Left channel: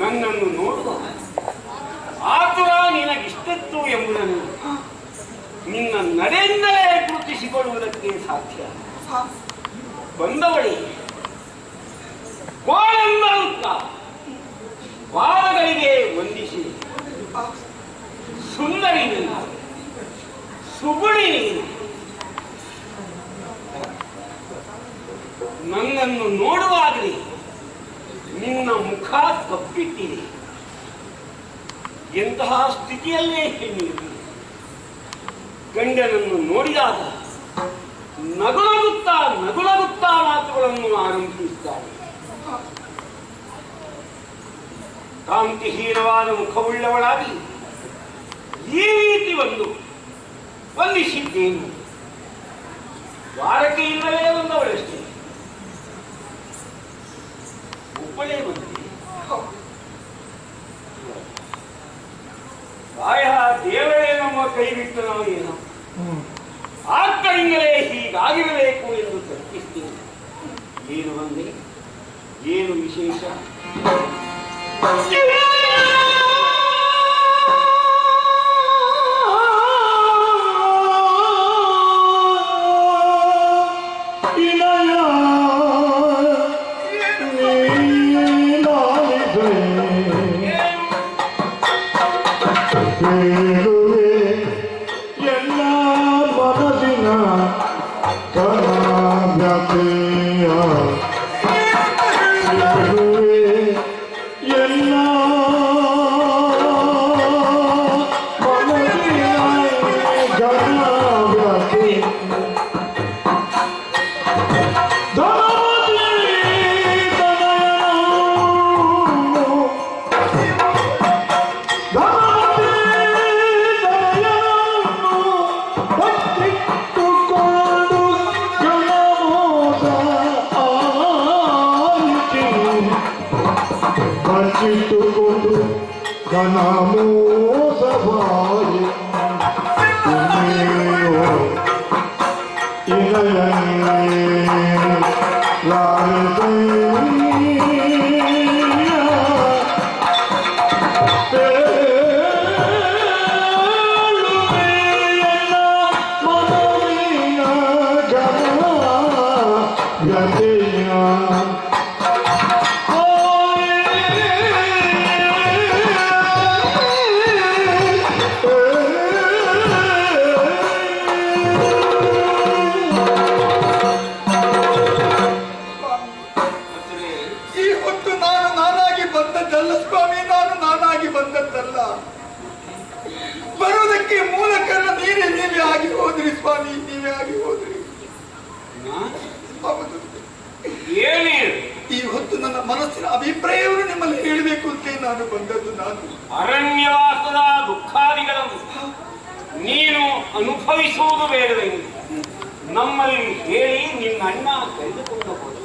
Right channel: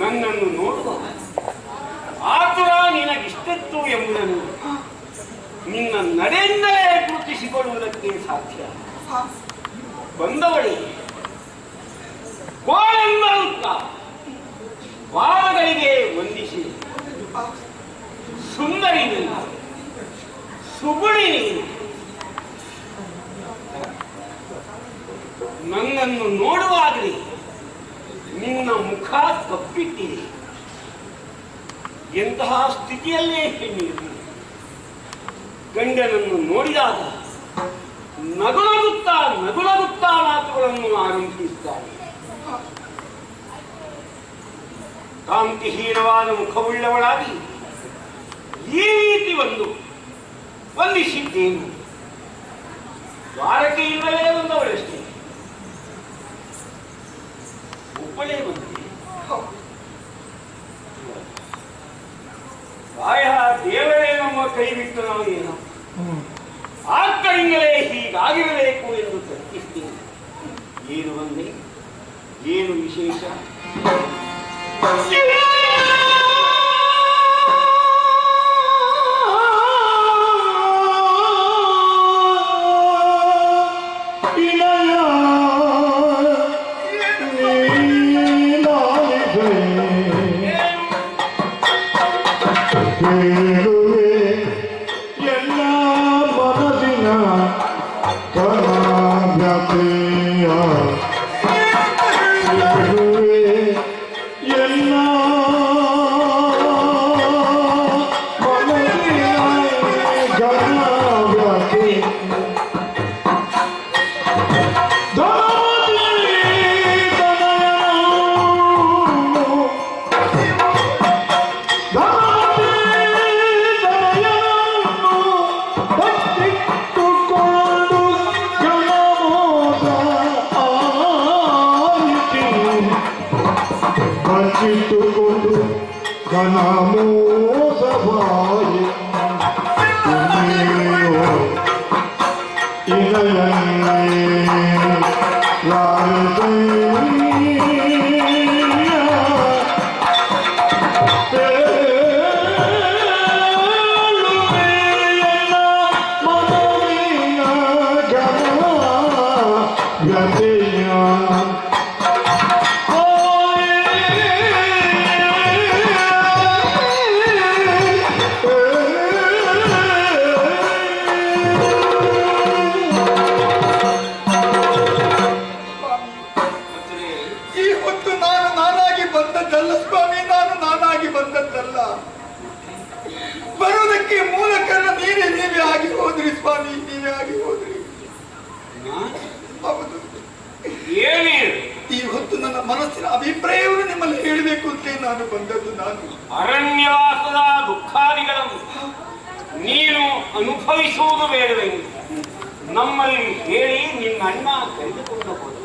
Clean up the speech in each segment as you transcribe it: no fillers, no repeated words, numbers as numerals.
ನನ್ನನ್ನು ನೋಡುವ ಆತುರ ನಿನಗಿಷ್ಟತ್ತು ಎಂಬುದನ್ನು ನಿನ್ನ ನಡೆಯಿಂದಲೇ ಗುರುತಿಸಿಕೊಳ್ಳುವುದಕ್ಕೆ ಸಾಧ್ಯ. ಬಂದವಳಿ ಕೋಳೆಂಬರುತ್ತ ಪಾದಗಳಿಗೆ ವಂದಿಸಿ ಸುಂದರಿ ನೀನು, ಸುಗುಣಿ ನೀನು. ನನ್ನನ್ನು ನೋಡುವಾಗಲೇ ನಿನ್ನ ಮುಖ ಕಪ್ಪಿಟ್ಟಿದೆ. ಎಂತಹ ಸ್ಥಿತಿಯಲ್ಲೇ ಹೆಣ್ಣಿರುವುದು. ಗಂಡನನ್ನು ನೋಡಿದಾಗ ನಗುನಗುತ್ತಾ ಮಾತುಗಳನ್ನು ಆರಂಭಿಸುತ್ತಾರೆ. ಕಾಂತಿಹೀನವಾದ ಮುಖವುಳ್ಳವಳಾಗಿ ಈ ರೀತಿ ವಂದಿಸಿದ್ದೇನು. ದ್ವಾರಕೆಯಿಂದಲೇ ಬಂದವಳಷ್ಟೇ, ಒಬ್ಬಳೇ ಬಂದಿದೆ. ಪ್ರಾಯ ದೇವರೇ ನಮ್ಮ ಕೈ ಬಿಟ್ಟು ನಮಗೇನು ಆದ್ದರಿಂದಲೇ ಹೀಗಾಗಿರಬೇಕು ಎಂದು ತರ್ಕಿಸ್ತೇನೆ. ಏನು ಬಂದೆ, ಏನು ವಿಶೇಷ? ಸ್ವಾಮಿ, ನೀವೇ ಆಗಿ ಹೋದ್ರಿ. ಹೌದು. ಏನೇನು ಈ ಹೊತ್ತು ನನ್ನ ಮನಸ್ಸಿನ ಅಭಿಪ್ರಾಯವನ್ನು ನಿಮ್ಮಲ್ಲಿ ಹೇಳಬೇಕು ಅಂತ ನಾನು ಬಂದದ್ದು. ನಾನು ಅರಣ್ಯವಾಸದ ದುಃಖಾದಿಗಳನ್ನು ನೀನು ಅನುಭವಿಸುವುದು ಬೇಡವೆಂದು ನಮ್ಮಲ್ಲಿ ಹೇಳಿ ನಿನ್ನ ಅಣ್ಣ ಕರೆದುಕೊಂಡು ಹೋದ.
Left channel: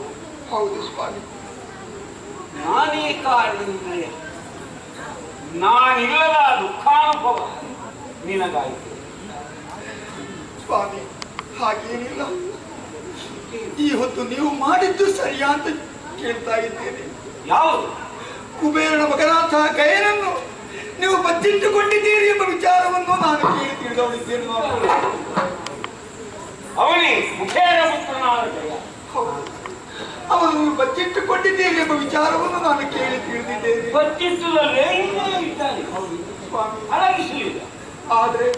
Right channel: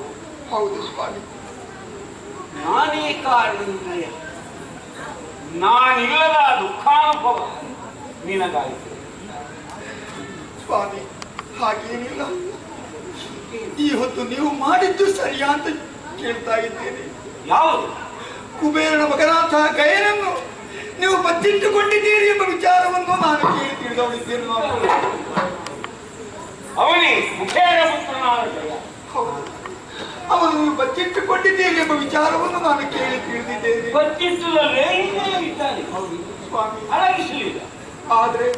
ಹೌದು ಸ್ವಾಮಿ. ನಾನೇ ಕಾರಣದಿಂದ ನಾನಿಲ್ಲದ ದುಃಖಾನುಭವ ನಿನಗಾಯಿತು ಸ್ವಾಮಿ. ಹಾಗೇನಿಲ್ಲ. ಈ ಹೊತ್ತು ನೀವು ಮಾಡಿದ್ದು ಸರಿಯಾ ಅಂತ ಕೇಳ್ತಾ ಇದ್ದೇನೆ. ಯಾವುದು? ಕುಬೇರನ ಮಗನಾಥ ಗಯನನ್ನು ನೀವು ಬಚ್ಚಿಟ್ಟುಕೊಂಡಿದ್ದೀರಿ ಎಂಬ ವಿಚಾರವನ್ನು ನಾನು ಕೇಳಿ ತಿಳಿದವಳಿದ್ದೇನೆ. ಅವನೇ ಮುಖೇರ ಪುತ್ರನಾದ ಗಯ. ಹೌದು, ಅವನು ನೀವು ಬಚ್ಚಿಟ್ಟುಕೊಂಡಿದ್ದೀರಿ ಎಂಬ ವಿಚಾರವನ್ನು ನಾನು ಕೇಳಿ ತಿಳಿದಿದ್ದೇನೆ. ಬಚ್ಚಿಟ್ಟುದಲ್ಲೇ ಇಲ್ಲೇ ಇದ್ದಾನೆ ಸ್ವಾಮಿ. ಅಡಗಿಸಲಿಲ್ಲ. ಆದ್ರೆ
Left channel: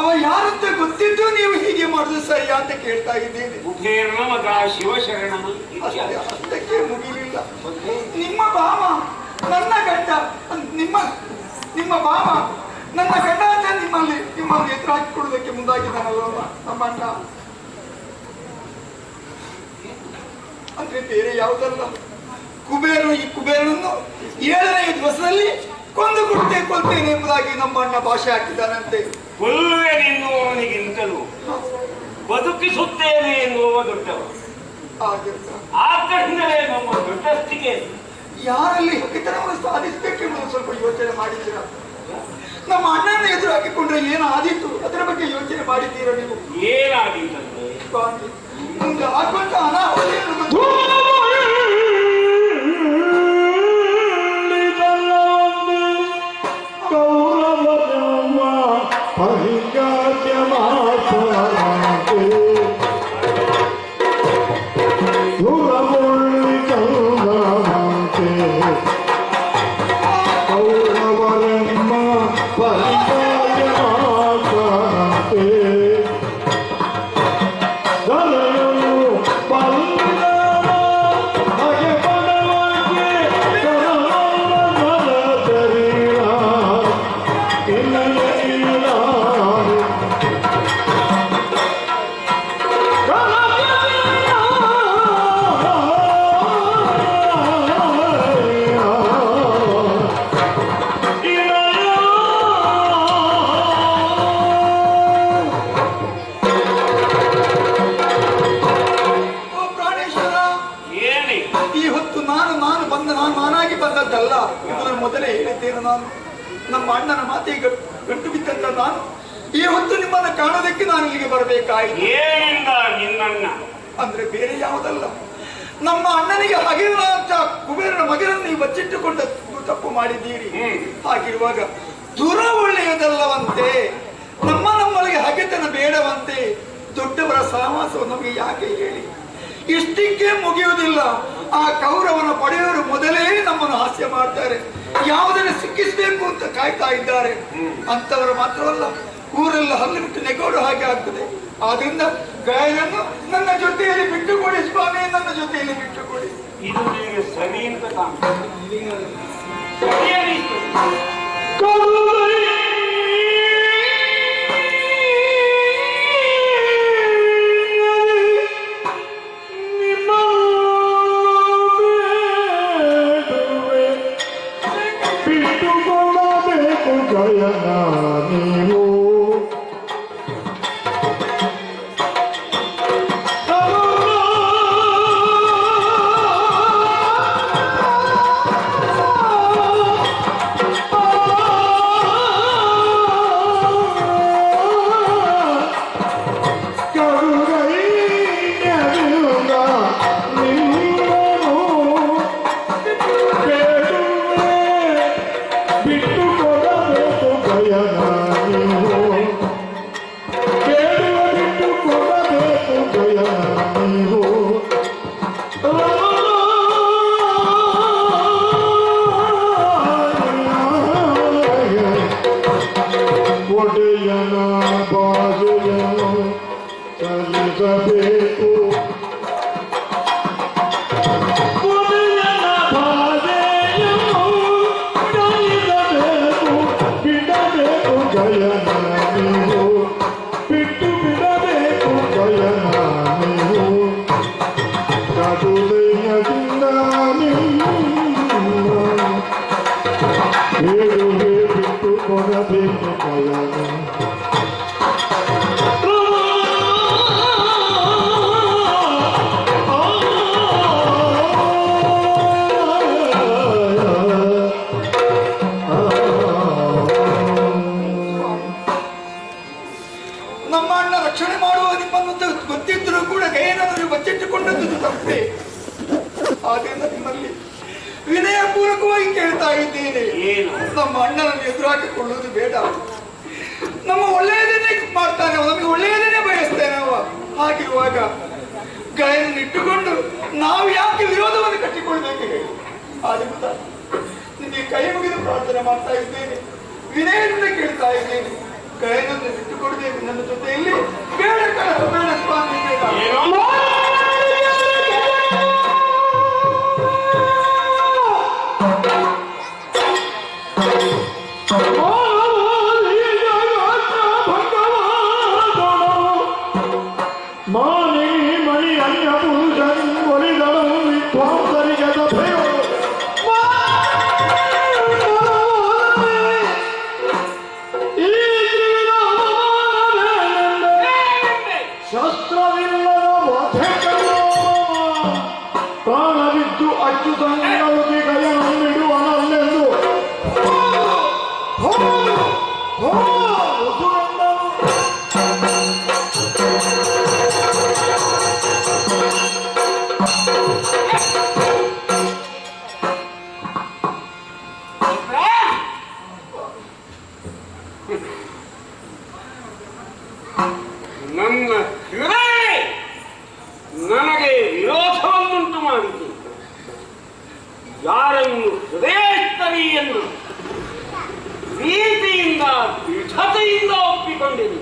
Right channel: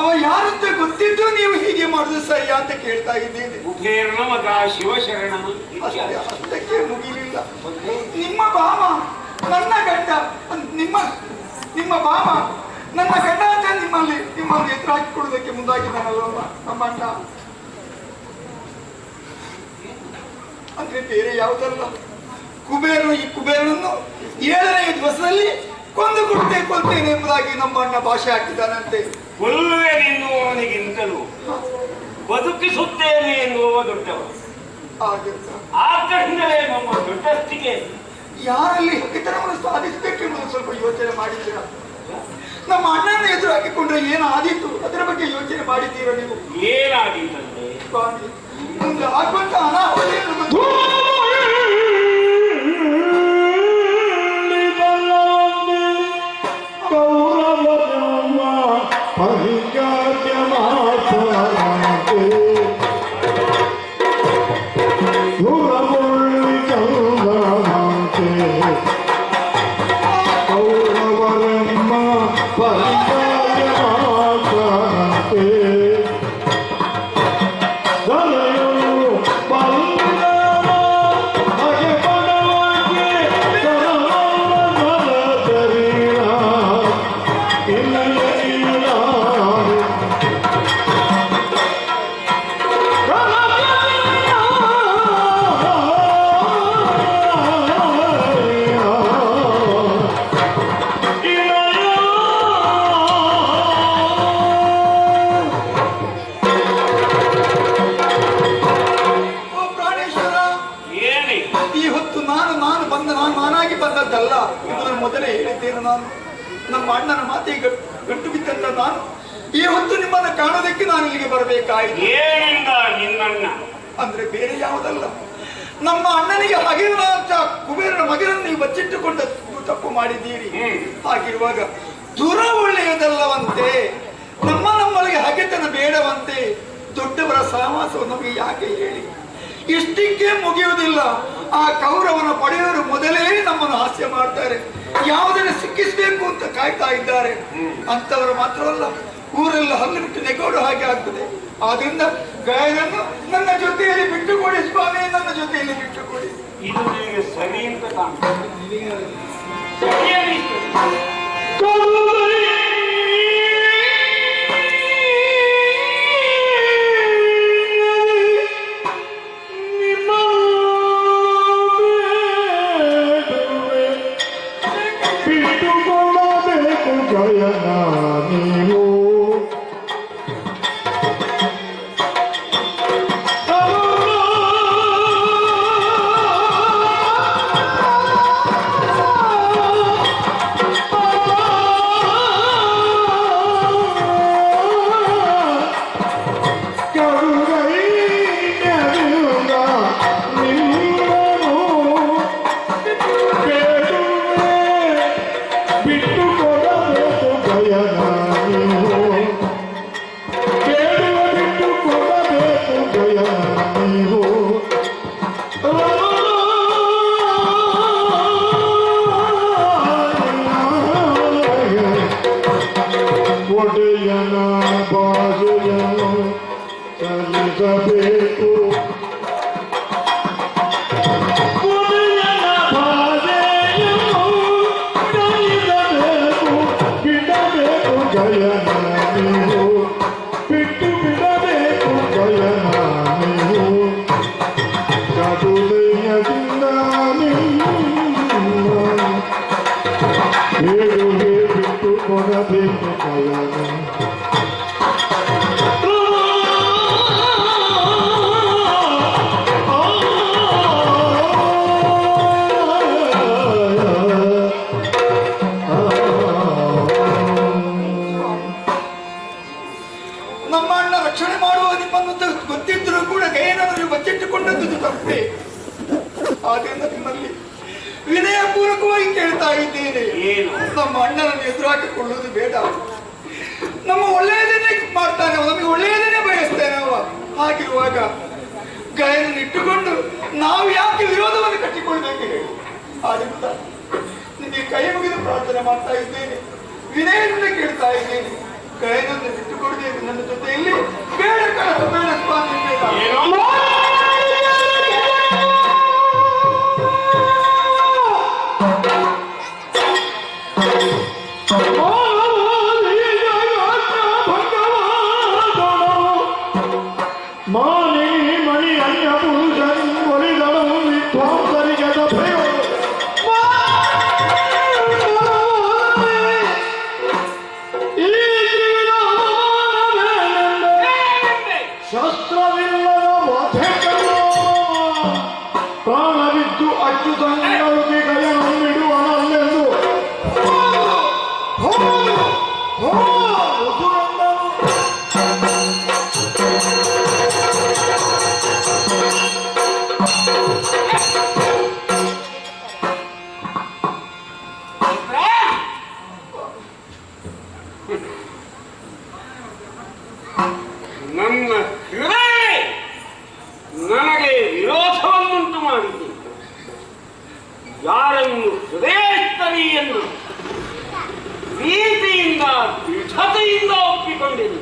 ಅವ ಯಾರಂತ ಗೊತ್ತಿದ್ದು ನೀವು ಹೀಗೆ ಮಾಡುದು ಸರಿಯಾ ಅಂತ ಕೇಳ್ತಾ ಇದ್ದೇನೆ. ಕುಬೇರನ ಮಗ ಶಿವಶರಣ. ಅಷ್ಟಕ್ಕೆ ಮುಗಿಲಿಲ್ಲ. ನಿಮ್ಮ ಭಾವ ನನ್ನ ಗಂಡ, ನಿಮ್ಮ ಭಾವ ನನ್ನ ಗಂಡ ಅಂತ ನಿಮ್ಮಲ್ಲಿ ಎದುರು ಹಾಕಿಕೊಳ್ಳುವುದಕ್ಕೆ ಮುಂದಾಗಿದ್ದಾನಲ್ಲ ನಮ್ಮ ಅಣ್ಣ. ಅಂದ್ರೆ ಬೇರೆ ಯಾವುದಲ್ಲ, ಈ ಕುಬೇರನನ್ನು 7ನೇ ದಿವಸದಲ್ಲಿ ಕೊಲ್ತೇನೆ ಎಂಬುದಾಗಿ ನಮ್ಮ ಅಣ್ಣ ಭಾಷೆ ಹಾಕಿದ್ದಾನಂತೆ. ಕೊಲ್ಲುವೆ ಎನ್ನುವವನಿಗಿಂತಲೂ ಬದುಕಿಸುತ್ತೇನೆ ಎನ್ನುವ ದೊಡ್ಡವ. ಆದ್ದರಿಂದಲೇ ನಮ್ಮ ದೊಡ್ಡಸ್ತಿಗೆ ಯಾರಲ್ಲಿ ಹಕ್ಕಿತನವನ್ನು ಸಾಧಿಸಬೇಕೆಂಬುದು ಸ್ವಲ್ಪ ಯೋಚನೆ ಮಾಡಿದ್ದೀರ? ನಮ್ಮ ಅಣ್ಣನ ಎದುರು ಹಾಕಿಕೊಂಡ್ರೆ ಏನಾದೀತು ಅದರ ಬಗ್ಗೆ ಯೋಚನೆ ಮಾಡಿದ್ದೀರ ನೀವು? ಏನಾದೀತಂತೆ ಸ್ವಾಮಿ, ಮುಂದೆ ಆಗುವಂತ ಅನಾಹುತ ಬಂದದ್ದಲ್ಲ. ಇದನ್ನು ಮೊದಲೇ ಹೇಳಿದ್ದೇನೆ ನಾನು. ನಮ್ಮ ಅಣ್ಣನ ಮಾತಿಗೆ ಗಂಟು ಬಿದ್ದಂತ ನಾನು ಈ ಹೊತ್ತು ನಿಮ್ಮನ್ನು ಕಾಣೋದಕ್ಕೆ ನಾನು ಇಲ್ಲಿಗೆ ಬರಬೇಕಾಯಿತು. ಅಂದ್ರೆ ಬೇರೆ ಯಾವುದಲ್ಲ, ನಮ್ಮ ಅಣ್ಣನಿಗೆ ಹಗಿರುವಂತ ಕುಬೇರನ ಮಗನನ್ನು ನೀವು ಬಚ್ಚಿಟ್ಟುಕೊಂಡ ತಪ್ಪು ಮಾಡಿದ್ದೀರಿ. ಹಾಗಿರುವಾಗ ದುರ ಒಳ್ಳೆಯದಲ್ಲವಂತೆ, ನಮ್ಮೊಳಗೆ ಹಗೆತನ ಬೇಡವಂತೆ. ದೊಡ್ಡವರ ಸಹವಾಸವು ನಮಗೆ ಯಾಕೆ ಹೇಳಿ? ಇಷ್ಟಕ್ಕೆ ಮುಗಿಯುವುದಿಲ್ಲ. ಆ ಕೌರವನ ಪಡೆಯವರು ಮೊದಲೇ ನಮ್ಮನ್ನು ಹಾಸ್ಯ ಮಾಡ್ತಾರೆ, ಯಾವುದನ್ನು ಸಿಕ್ಕಿಸಬೇಕು ಅಂತ ಕಾಯ್ತಾ ಇದ್ದಾರೆ. ಅಂತವರು ಮಾತ್ರವಲ್ಲ, ಊರೆಲ್ಲ ಹಲ್ಲು ಬಿಟ್ಟು ನೆಗೋಡು ಹಾಗೆ ಆಗ್ತದೆ. ಆದ್ರಿಂದ ಗಾಯನನ್ನು ನನ್ನ ಜೊತೆಯಲ್ಲಿ ಬಿಟ್ಟುಕೊಡಿ ಸ್ವಾಮಿ, ನನ್ನ ಜೊತೆಯಲ್ಲಿ ಬಿಟ್ಟುಕೊಡಿ. ಇದು ನಿಮಗೆ ಸರಿ ಅಂತ ರಕ್ಷಣೆ ಮಾಡುವ ನಿಮ್ಮನ್ನು ಗೊತ್ತಿದ್ದರೂ ಕೂಡ ಗಯನನ್ನು ನೀವು ಬಚ್ಚಿಟ್ಟುಕೊಂಡದ್ದು ತಪ್ಪೇ. ಆದ್ದರಿಂದ ನಿಮ್ಮಲ್ಲಿ ವಿನಯಪೂರ್ವಕವಾಗಿ ಕೇಳ್ತಾ ಇದ್ದೇನೆ, ನಮ್ಮ ಅಣ್ಣನನ್ನು ಎದುರಾಕಿಕೊಳ್ಳುವುದು ಬೇಡ. ನಮ್ಮ ಒಳ್ಳೆಯದನ್ನೇ ಮಾಡ್ತಾನೆ, ನಮಗೆ ಒಳ್ಳೆಯದನ್ನೇ ಬಯಸ್ತೇನೆ ಅವ. ಹಾಗಿರುವಾಗ ಗಯನನ್ನು ಇಟ್ಟುಕೊಂಡು ನಾವು ಯಾಕೆ ವಿರೋಧವನ್ನು ಕಟ್ಟಿಕೊಳ್ಬೇಕು ಹೇಳಿ? ಆದ್ದರಿಂದ ನಿಮಗೆ ಕೈ ಮುಗಿದು ಪ್ರಾರ್ಥನೆ ಮಾಡ್ತಾ ಇದ್ದೇನೆ, ವಿನಯದಿಂದ ಕೇಳ್ತಾ ಇದ್ದೇನೆ, ಗಯನನ್ನು ಬಿಟ್ಟುಕೊಡ್ಬೇಕು ನನ್ನ ಜೊತೆಯಲ್ಲಿ. ಬೇಡ ಕಳಸ, ಬೇಡ ಸ್ವಾಮಿ, ಬೇಡ. ನನ್ನ ಹೃದಯ ನನಗೆ ವಿರೋಧವನ್ನುಂಟು ಮಾಡಿದೆ. ಯಾರನ್ನು ಹೃದಯಸ್ಥರಿ ಎಂದು ಪ್ರೀತಿಯಿಂದ ದೃಢತೆಯಿಂದ ಒಪ್ಪಿಕೊಂಡೆನು.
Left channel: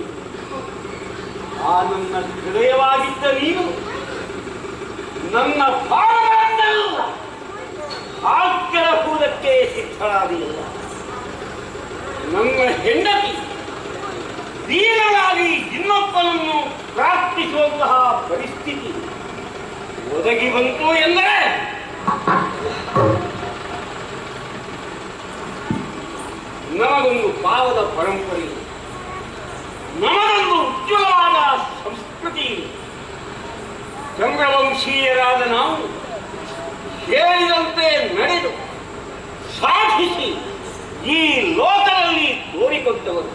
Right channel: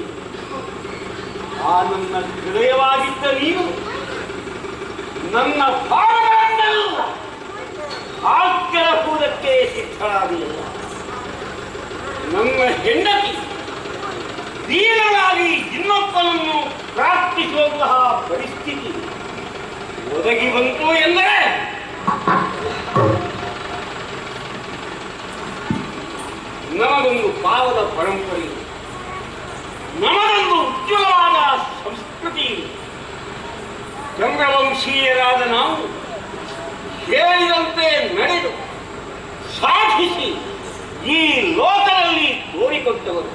ಆ ನನ್ನ ಹೃದಯವಾಗಿದ್ದ ನೀನು ನನ್ನ ಭಾವಗಳನ್ನೆಲ್ಲ ಹಾಕ್ಯರಹುವುದಕ್ಕೆ ಸಿದ್ಧರಾಗಲಿಲ್ಲ. ನನ್ನ ಹೆಂಡತಿ ದೀನವಾಗಿ ಇನ್ನೊಬ್ಬನನ್ನು ಪ್ರಾರ್ಥಿಸುವಂತಹ ಪರಿಸ್ಥಿತಿ ಒದಗಿ ಬಂತು ಎಂದರೆ ನಮಗೊಂದು ಪಾವದ ಪರಂಪರೆ, ನಮಗೊಂದು ಉಜ್ವಲವಾದ ಸಂಸ್ಕೃತಿ. ಚಂದ್ರವಂಶೀಯರಾದ ನಾವು ಹೇಳಿದಂತೆ ನಡೆದು ಸಾಧಿಸಿ ಈ ಲೋಕದಲ್ಲಿ ತೋರಿಕೊಟ್ಟವರು.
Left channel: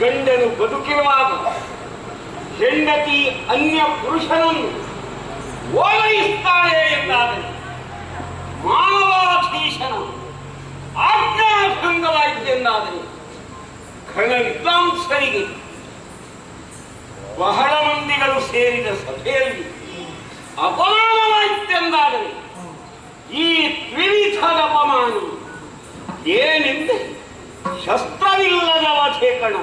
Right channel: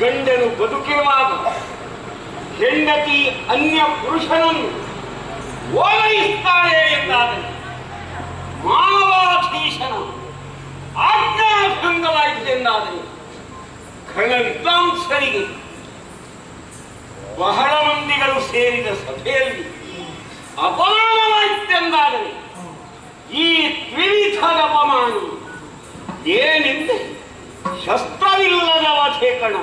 ಗಂಡನು ಬದುಕಿರುವಾಗ ಹೆಂಡತಿ ಅನ್ಯ ಪುರುಷನನ್ನು ಓಲೈಸುತ್ತಾಳೆ ಎಂದಾದರೆ ಮಾನವಾಧೀಶನ ಆಜ್ಞಾಭಂಗವಾಯಿತೆಂದಾದರೆ ಘನ ವಿದ್ವಾಂಸರಿಗೆ ಬಹಳ ಮಂದಿಗಳು ಸೇರಿದ ಸಭೆಯಲ್ಲಿ ಅಪಮಾನವಾಯಿತೆಂದಾದರೆ ಈ ತ್ರಿವಿಧದ ಅಪಮಾನ ಏನೆಂದರೆ ಶಸ್ತ್ರವಿಲ್ಲದ ವಧೆ ಕಣ.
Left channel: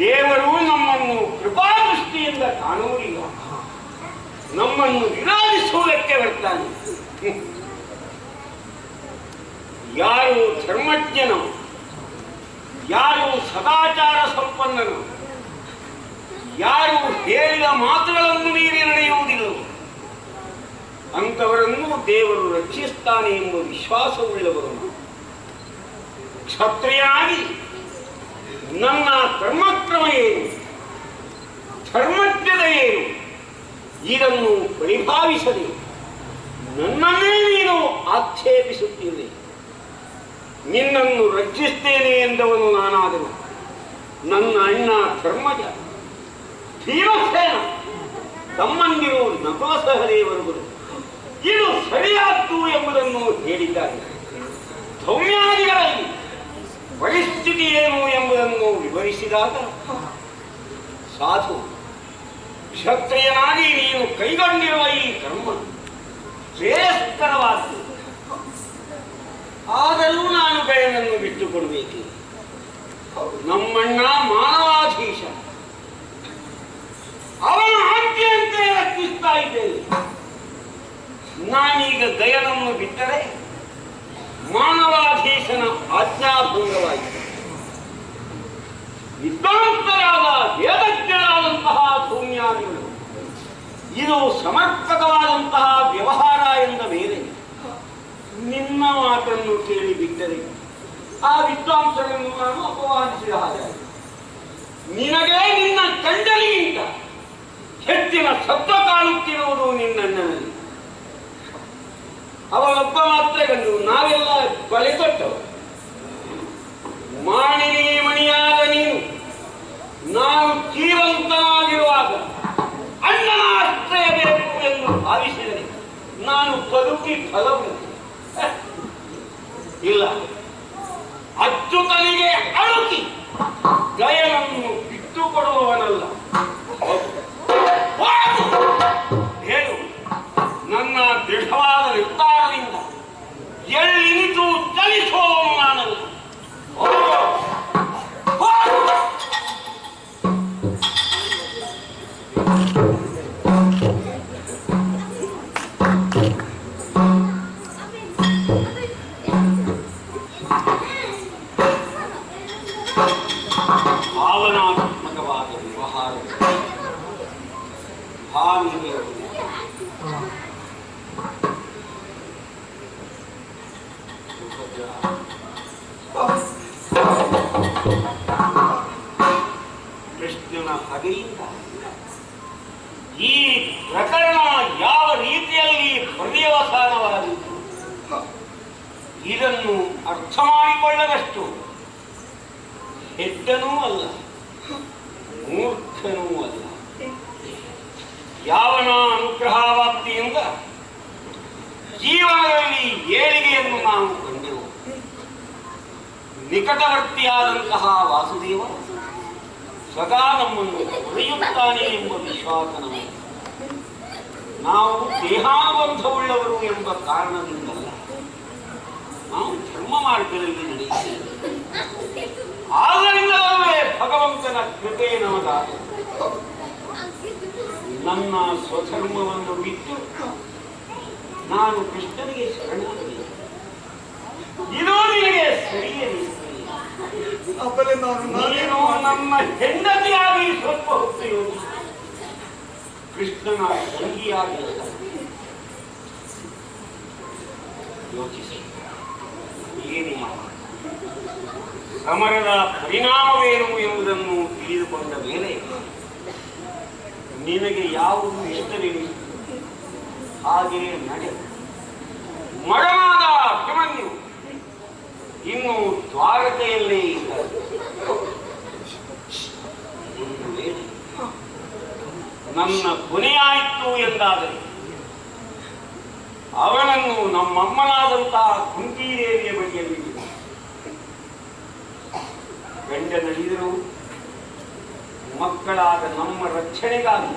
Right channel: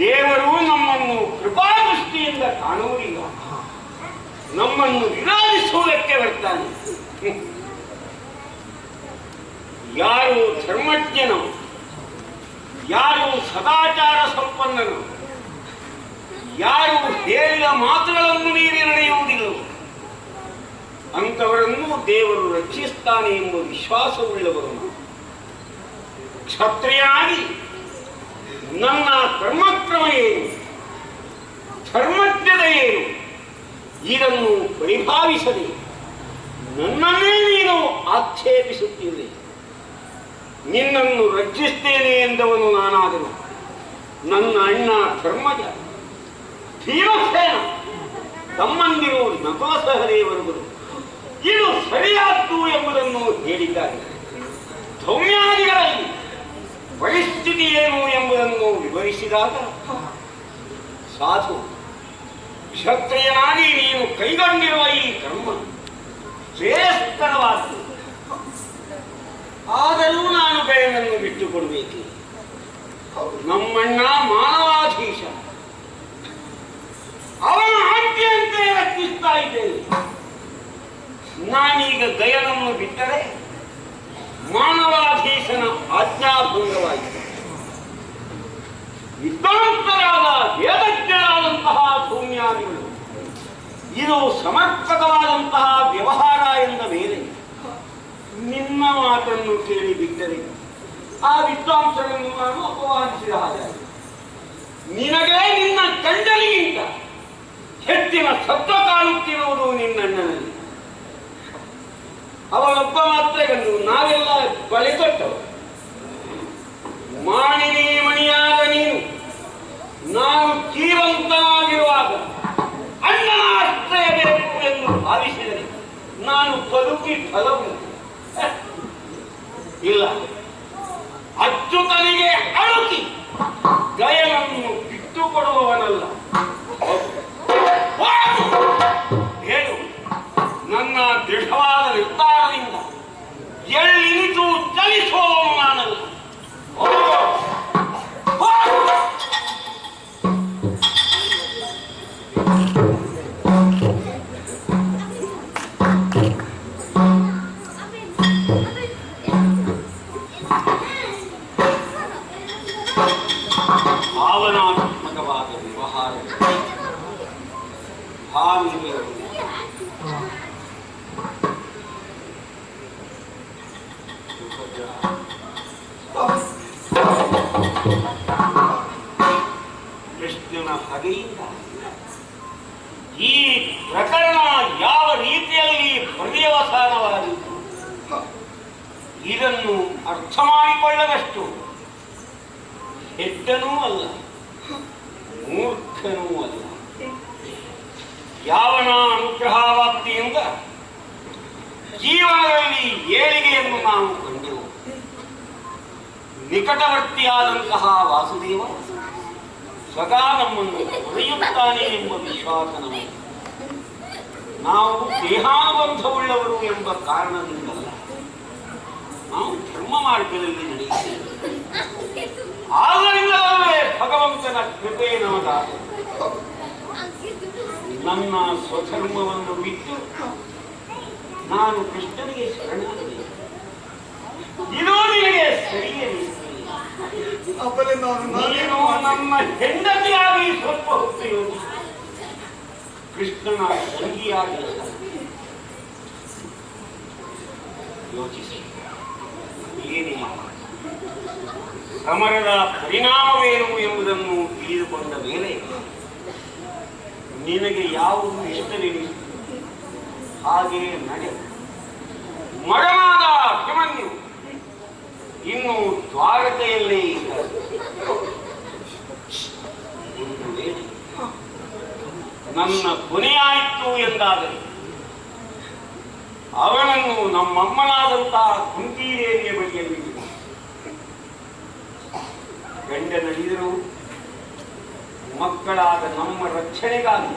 ದೇವರು ನಮ್ಮನ್ನು ಕೃಪಾದೃಷ್ಟಿಯಿಂದ ಕಾಣುವುದಿಲ್ಲ, ನಮ್ಮನ್ನು ವಿರೋಧಿಸುವುದಕ್ಕೆ ಬರ್ತಾನೆ. ಯಾರು ಧರ್ಮಜ್ಞನು, ಯಾರು ಸದಾಚಾರ ಸಂಪನ್ನನು, ಯಾರು ಹೇಳಿದ ಮಾತುಗಳನ್ನು ಮೀರಿ ನಡೆಯುವುದಿಲ್ಲವೋ ಅಂತವರನ್ನು ದೇವರು ರಕ್ಷಿಸ್ತಾನೆ ಎಂಬ ವಿಶ್ವಾಸವುಳ್ಳವರು. ಕ್ಷತ್ರಿಯನಾಗಿ ನನ್ನ ಧರ್ಮಕ್ರಮ ಏನು, ಧರ್ಮಜ್ಞತೆ ಏನು, ಇದನ್ನು ಪರಿಭಾವಿಸದೆ ನನ್ನನ್ನೇ ನೀನು ಆಕ್ಷೇಪಿಸುತ್ತಿರುವೆ. ನಿನ್ನನ್ನು ರಕ್ಷಿಸ್ತೇನೆ ಎಂದವನು ನಾನಾದನು. ನನ್ನ ಅಣ್ಣ ಧರ್ಮಜ, ಭೀಮಸೇನ, ತಮ್ಮಂದಿರು ನಕುಲ ಸಹದೇವರುಗಳು ಇದು ಸರಿಯಾದ್ದು ಎಂಬುದನ್ನು ಹೇಳಿದ್ದಾರೆ. ಸೌಮ್ಯಾದಿಗಳಲ್ಲಿ ಪರಿಸ್ಥಿತಿ ಏನು ಎಂಬುದನ್ನು ವಿವರಿಸಿದಾಗ ಸಾಧು, ಕ್ಷತ್ರಿಯನಾಗಿ ನೀನು ಕೈಗೊಂಡಿರುವ ಈ ಕರ್ಮ ಶ್ರೇಯಸ್ಕರವಾದ್ದು. ಆದರೂ ನಾನು ಗಯನನ್ನು ಬಿಟ್ಟುಕೊಡಬೇಕು. ನಮ್ಮಣ್ಣ ಮಾನವಾಧೀಶ, ಅವನ ಆಜ್ಞೆಯಂತೆ ರಕ್ಷಿಸ್ತಾ ಇದ್ದೇನೆ. ನಾನೀಗ ಗಯನನ್ನು ಬಿಟ್ಟರೆ ಮಾನವಾಧೀಶನ ಆಜ್ಞಾಭಂಗವಾಗಿದೆ. ವಿದ್ವಾಂಸರಾದ ವೇದಜ್ಞರಾದಂತಹ ಸೌಮ್ಯಾದಿಗಳು ಇದು ಸಮರ್ಪಕವಾದಂತಹ ವ್ಯವಹಾರ ಎಂದ ಮೇಲೆ ನಿನ್ನ ಮಾತನ್ನು ಕೇಳಿ ಬಿಟ್ಟರೆ ಆ ವಿದ್ವಾಂಸರನ್ನು ನಾನು ಅಪಮಾನಿಸಿದ ಹಾಗೆ. ನಿನಗೆ ನಿನ್ನ ಕಂಡಲಿಗಿಂತ ಹೆಚ್ಚಿನ ಸತ್ವ ಕಾಣುತ್ತಿರುವುದು ನಿನ್ನಣ್ಣನಲ್ಲಿ. ಅವನೊಬ್ಬ ಮಾತ್ರ ಗಂಡು, ನಾವೆಲ್ಲ ಬಳೆ ತೊಟ್ಟವು. ಮಾಣಿನಿ ಮಣಿಯಾದ ನೀನು ನಾನು ಜೀವಂತನಾಗಿರುವಾಗ ಅಣ್ಣನ ಆಶ್ರಯ ಬೇಕು ಎಂದು ಭಾವಿಸಿದರೆ ನಾನು ಬದುಕಿ ಫಲವು ಇಲ್ಲ. ಅಚ್ಯುತನಿಗೆ ಅಳುಕಿ ಗಯನನ್ನು ಬಿಟ್ಟುಕೊಡುವವನಲ್ಲ. ಹೇಳು, ನನ್ನ ದೃಢವಾದ ನಿರ್ಧಾರದಿಂದ ಎಳ್ಳಿನಿತು ಚಲಿಸುವವನು ನಾನಲ್ಲ. ಭಾವನಾತ್ಮಕವಾದ ವ್ಯವಹಾರ ಕೃಷ್ಣನ ಹಗೆಯಿಂದ ಈ ಪ್ರಕರಣ ಯಾವ ರೀತಿಯಲ್ಲಿ ಪರ್ಯವಸಾನವಾಯಿತು ಇದನ್ನು ಅರ್ಥ ಮಾಡಿಕೊಳ್ಳದಷ್ಟು ಹೆಡ್ಡನೂ ಅಲ್ಲ, ಮೂರ್ಖನೂ ಅಲ್ಲ. ಯಾವನ ಅನುಗ್ರಹವಾಕ್ತಿಯಿಂದ ಜೀವನದಲ್ಲಿ ಏಳಿಗೆಯನ್ನು ನಾವು ಕಂಡೆವು. ನಿಕಟವರ್ತಿಯಾದಂತಹ ವಾಸುದೇವ ಸದಾ ನಮ್ಮನ್ನು ಹೊರೆಯುತ್ತಾನೆ ಎಂಬ ವಿಶ್ವಾಸ ನಮಗೆ. ನಾವು ದೇಹಾನುಬಂಧವುಳ್ಳವರು ಎಂಬ ಕಾರಣದಿಂದಲ್ಲ, ನಾವು ಧರ್ಮ ಮಾರ್ಗದಲ್ಲಿ ನಡೆಯುತ್ತೇವೆ. ಆದ್ದರಿಂದಲೇ ಭಗವಂತನ ಕೃಪೆ ನಮಗಾದ. ನನ್ನ ಸ್ವಧರ್ಮವನ್ನು ಬಿಟ್ಟು ನಾನು ಕೃಷ್ಣನಿಗೆ ಶರಣಾಗಲಿ. ಇದು ನಿನಗೆ ಸರಿಯೇ? ನೀನು ನಮ್ಮ ಹೆಂಡತಿಯಾಗಿ ಸ್ವಲ್ಪ ಹೊತ್ತು ಯೋಚಿಸಿ, ಕೃಷ್ಣನ ತಂಗಿಯಾಗಿ ಯೋಚಿಸಿ. ಏನೇ ಸಮರದ ಪರಿಣಾಮವೇನು ಎಂಬುದನ್ನು ತಿಳಿದುಕೊಂಡ ಮೇಲೆ ನಿನಗೆ ಯಾವುದು ಇಷ್ಟವೆನಿಸಿತು ಹಾಗೆಯೇ ನಡೆ. ಮಗನಾದ ಅಭಿಮನ್ಯು ಇನ್ನು ದ್ವಾರಕೆಯಲ್ಲೇ ಇದ್ದ. ಒಂದು ವೇಳೆ ನನ್ನ ಕೊನೆಯಾಯಿತು ಎಂದಾದರೆ ಅವನನ್ನು ನಮ್ಮಮ್ಮನಾದಂತಹ ಕುಂತಿದೇವಿಯ ಬಳಿಯಲ್ಲಿ ಗಂಡನಲ್ಲಿದ್ದರು ಮಕ್ಕಳಾದ ನಮ್ಮ ರಕ್ಷಣೆಗಾಗಿ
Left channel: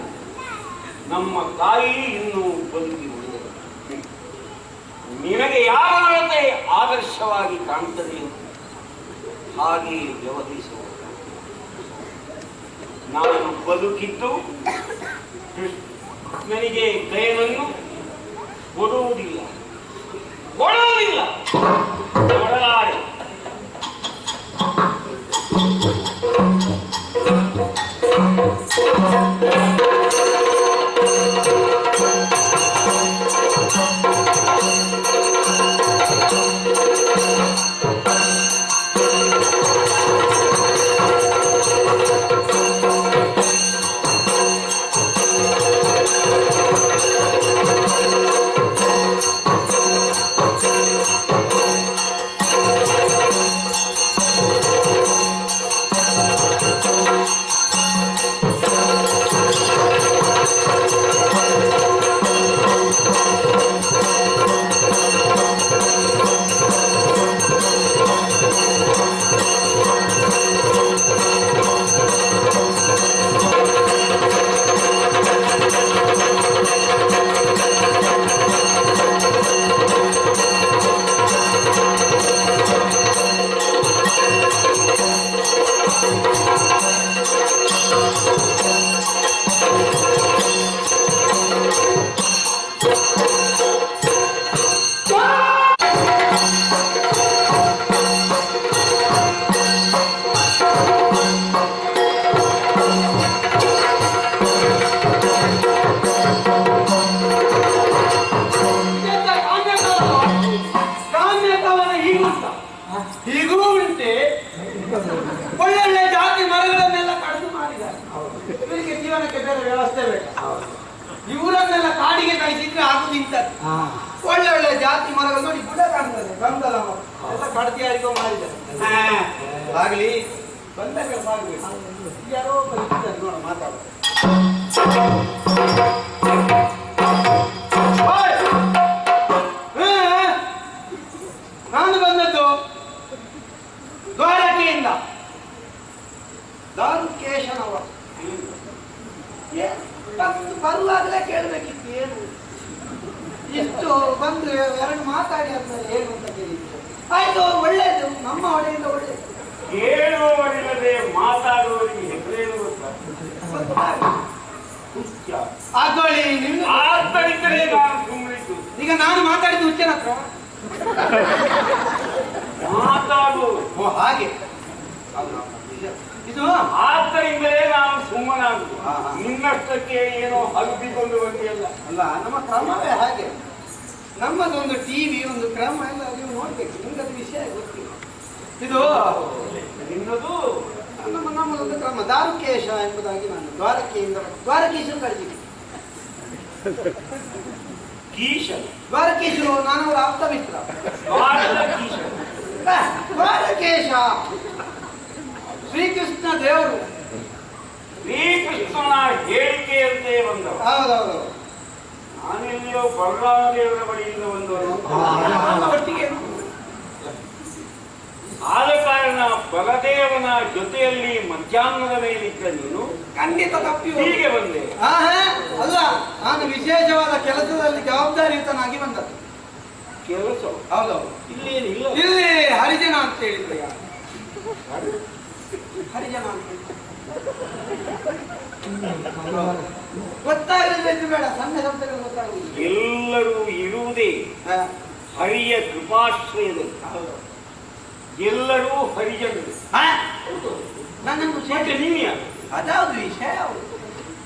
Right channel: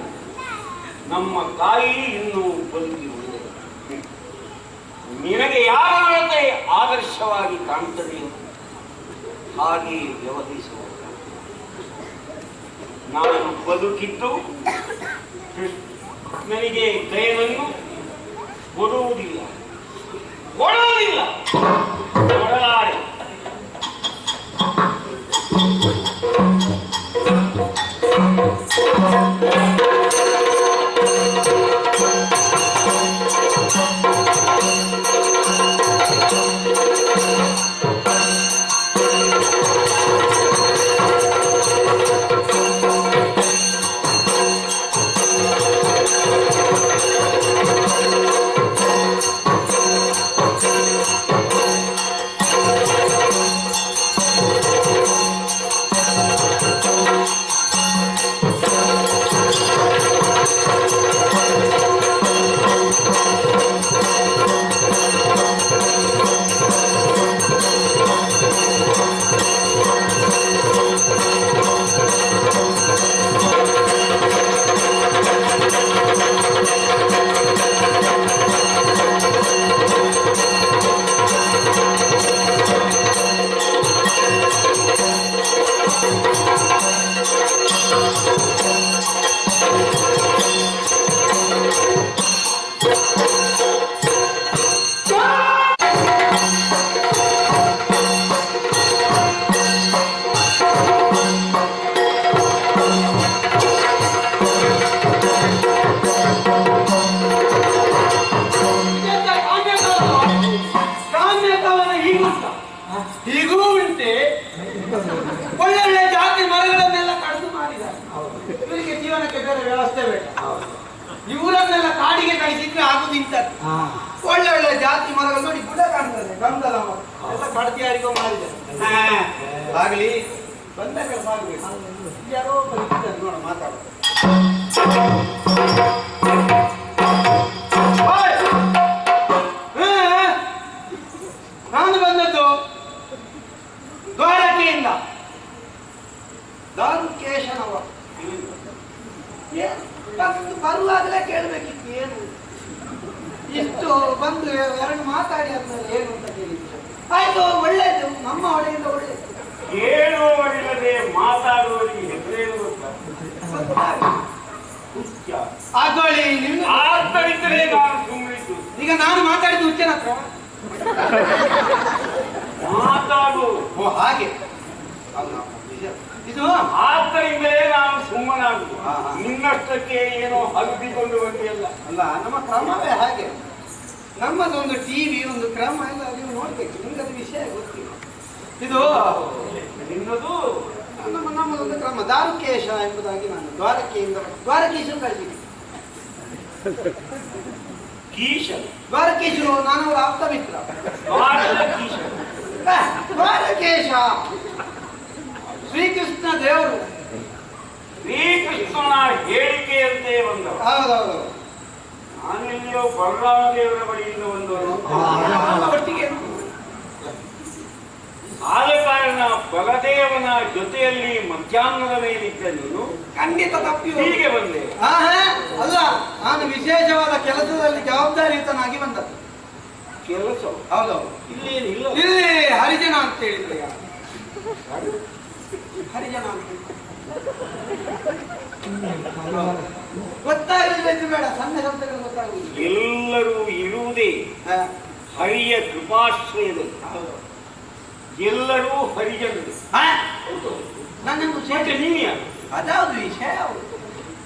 ನಮ್ಮ ತಾಯಿ ಇನ್ನೂ ಬದುಕಿ ಉಳಿದರು. ನಿನಗೆ ಯಾರ ನಡತೆ ಆದರ್ಶವಾಗಿ ಕಾಣುತ್ತದೆಯೋ ಹಾಗೆ ವ್ಯವಹರಿಸುವ. ನಾನು ಬದುಕಿದ್ದು ನನಗೆ ದಯವನ್ನು ಕೊಡುವುದಿಲ್ಲ, ಕೊಡಲಾರೆ. ಹೀಗೂ ಉಂಟೆ. ಒಳ್ಳೊಳ್ಳೆ ಜಾತಿ ಮರಗಳನ್ನೆಲ್ಲ ಕಡಿದು ಮಾಡಿದ್ದಾರೆ. ಇವರಿಗೆ ಜೀವನಕ್ಕೆ ಬೇರೆ ವ್ಯವಸ್ಥೆ ಬೇಡ. ಇವರನ್ನೆಲ್ಲ ಕಾಡಿಗೆ ಕಳಿಸಿದ್ರೆ ಆಗುದಿಂತದ್ದು. ಒಳ್ಳೊಳ್ಳೆ ಜಾತಿ ಮರಗಳು ನೋಡಿ ಗುಡ ಕಾಣ್ತದೆ, ಗಂಧಲ ಮರ ಎಲ್ಲ ಕಡ್ತಿ ಯಾರಿಗೋ ಮಾಡಿದ್ದಾರೆ. ಆಗ್ಲಿ, ಬಂದ ಕೆಲಸ ಆಗಬೇಕು. ಯಾರೋ ಬಂದಿದ್ದಾರೆ ನೋಡ ಮಾತಾಡೋ. ನಾನು ಬಂದದ್ದು ದ್ವಾರಕೆಯಿಂದ. ದಾರುಕೇಶನವ ಬರುವಾಗಲೇ ಕೇಳಬೇಕಿತ್ತು ಏನು ಇಷ್ಟು ಬಂದು ಎರಡು ಮಾತಾಡಿ ಆದ್ಮೇಲೆ ಏನು ಅಂತ ಕೇಳಿದ್ರು. ಆಯ್ತು, ಒಳ್ಳೇದು, ನಮ್ಮ ಒಡೆಯಿಂದ ಒಳ್ಳೇದು. ಕೇಳುವವರಿಲ್ಲದೆ ಮಾತಾಡುವವರಿಗೆ ಹೆಸರೇನು ಆಗೋಳಿ ನಿಮ್ಗೆ ಆತರಿದ್ದರೆ ನಾನು ಸುಮ್ಮನಿದ್ದು. ಈಗ ನಾನು ಮಾತಾಡಿದ್ದು ಹುಚ್ಚನ ಹತ್ರ ಮಾತಾಡು. ಓ ಹಾಗೆ ಇದು ಆದ್ದರಿಂದಲೇ ನಾನು ಸುಮ್ಮನಾಗುದು. ನಿನ್ನಷ್ಟಕ್ಕೆ ಏನೋ ಹಬ್ಬಿಕೊಂಡು ಬಂದಿಲ್ಲ. ಅಲ್ಲ, ನಮ್ಮ ಕ್ರಮವೇ ಹಾಗೆ. ನಮ್ಮದೊಂದು ಟಿವಿ, ಒಂದು ಕ್ರಮ ಎಲ್ಲ ನೀವು ನೋಡ್ಬೇಕು. ನಿಮ್ಗದು ವಿಷಯ ಗೊತ್ತಿಲ್ಲ. ಇದು ನಿನ್ನದು ನಮ್ಮದೊಂದು ಕ್ರಮ. ದಾರುಕೇಶ ಎಂಬುದಾಗಿ ನಾನು ದ್ವಾರಕೆಯಿಂದ ದ್ವಾರಕೀಶರು ಕಳಿಸಿದ್ದೆ. ಕೀಶ ದ್ವಾರಕೀಶರು ನಾನವರ ಆಪ್ತ ಮಿತ್ರ. ಕೀಶ ದ್ವಾರಕೇಶ ಶ್ರೀಕೃಷ್ಣ ದೇವರು. ಶ್ರೀಕೃಷ್ಣನ ಹೇಳಿಕೆಯಂತೆ ಬಂದವ. ಹೌದೌದು. ನಾನೆಲ್ಲಿಯೋ ಬಲರಾಮ ದೇವರ ಬಳಿಯಿಂದ ಬಂದವರು. ಒಟ್ಟಿಗೆ ಆದ ಕಾರಣ ಬಲದೇವನ ಜೊತೆಯಲ್ಲಿ ಮಧ್ಯಾಹ್ನದ ಮೇಲಿದ್ದ ನೀನು ಖಂಡಿತ ತಪ್ಪಿ ಹೀಗೆ ಬಂದೆ. ಅಲ್ಲ, ನಾನು ವಿಶೇಷವಾದ ಕೆಲಸದಲ್ಲಿ ಜವಾಬ್ದಾರಿಯುತನಾಗಿ ಬಂದದ್ದು. ಕೆಲಸ ಹೌದೌದು. ಇಲ್ಲೇನಿಲ್ಲ. ಇಲ್ಲಿ ಹರಿಜನ ಅಂತ ಹೇಳಿದ್ರೆ ಹರಿಜನ ಅಂತ ಗೊತ್ತಾಗಲಿಲ್ಲ. ಬೇಡ, ಸಣ್ಣ ಶಬ್ದಗಳು ಗೊತ್ತಾಗುವುದು. ಎಲ್ಲರೂ ಇರುವುದೇ ಹರಿಯ ಕೃಪಾಶ್ರಯದಲ್ಲಿ. ಎಲ್ಲರೂ ಹರಿಜನರು. ನನ್ನನ್ನು ನೀನು ಅದಾವುದು ವಿಷಯ.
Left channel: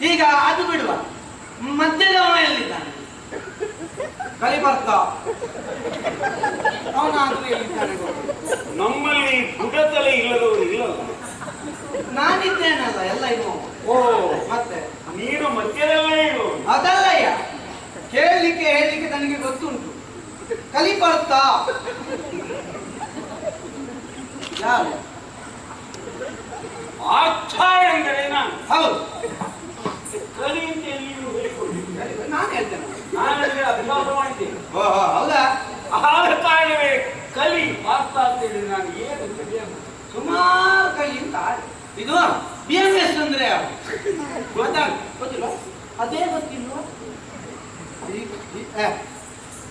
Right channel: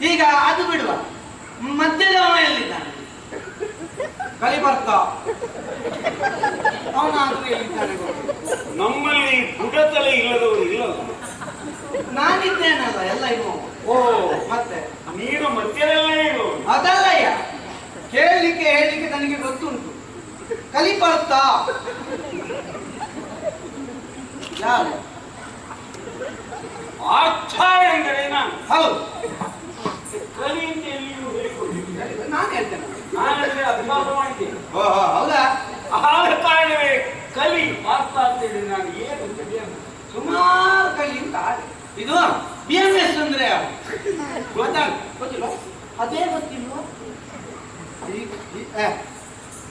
ಈಗ ಅದು ಬಿಡುವ. ಮಧ್ಯದವ ಎಲ್ಲಿದ್ದಾನೆ? ಕಲಿಬರ್ತ ಅವನಾದ್ರೂ ಎಲ್ಲಿದ್ದಾನೆ? ನಮ್ಮಲ್ಲಿ ಬುಡತಲೆ ಇಲ್ಲದವರು ಇಲ್ಲಲ್ಲ. ನಾನಿದ್ದೇನಲ್ಲ, ಎಲ್ಲ ಇನ್ನು. ಓ, ಮತ್ತೆ ನೀನು ಮಧ್ಯದಲ್ಲೇ ಇರು. ಅದಲ್ಲಯ್ಯ, ಕೇಳಲಿಕ್ಕೆ ಹೇಳಲಿಕ್ಕೆ ನನಗೆ ಗೊತ್ತುಂಟು. ಕಲಿಬರ್ತ ಯಾರು? ಅರ್ಥ ಎಂದರೆ ನಾನು. ಹೌದು, ಕಲಿ ಅಂತ ಎಲ್ಲಿಯೂ ಹೇಳಿಕೊಟ್ಟಿದ್ದೆ. ನಾನು ಹೇಳ್ತೇನೆ. ನಾನಲ್ಲಿ ಅಭ್ಯಾಸ ಮಾಡಿದ್ದೇನೆ. ಹೌದಾ? ಆದ ಕಾರಣವೇ ಕಲಿ ಅರ್ಥ ಅಂತೇಳಿ ನಾನು ಏನು ಕಲಿಯನ್ನು ಸುಮಾರು ಕಲಿ ಅಂತ. ಇದು BMS ಅಂದ್ರೆ ಯಾರು ಗೊತ್ತಿಲ್ಲ? ಅದೇ ಗೊತ್ತಿಲ್ವ?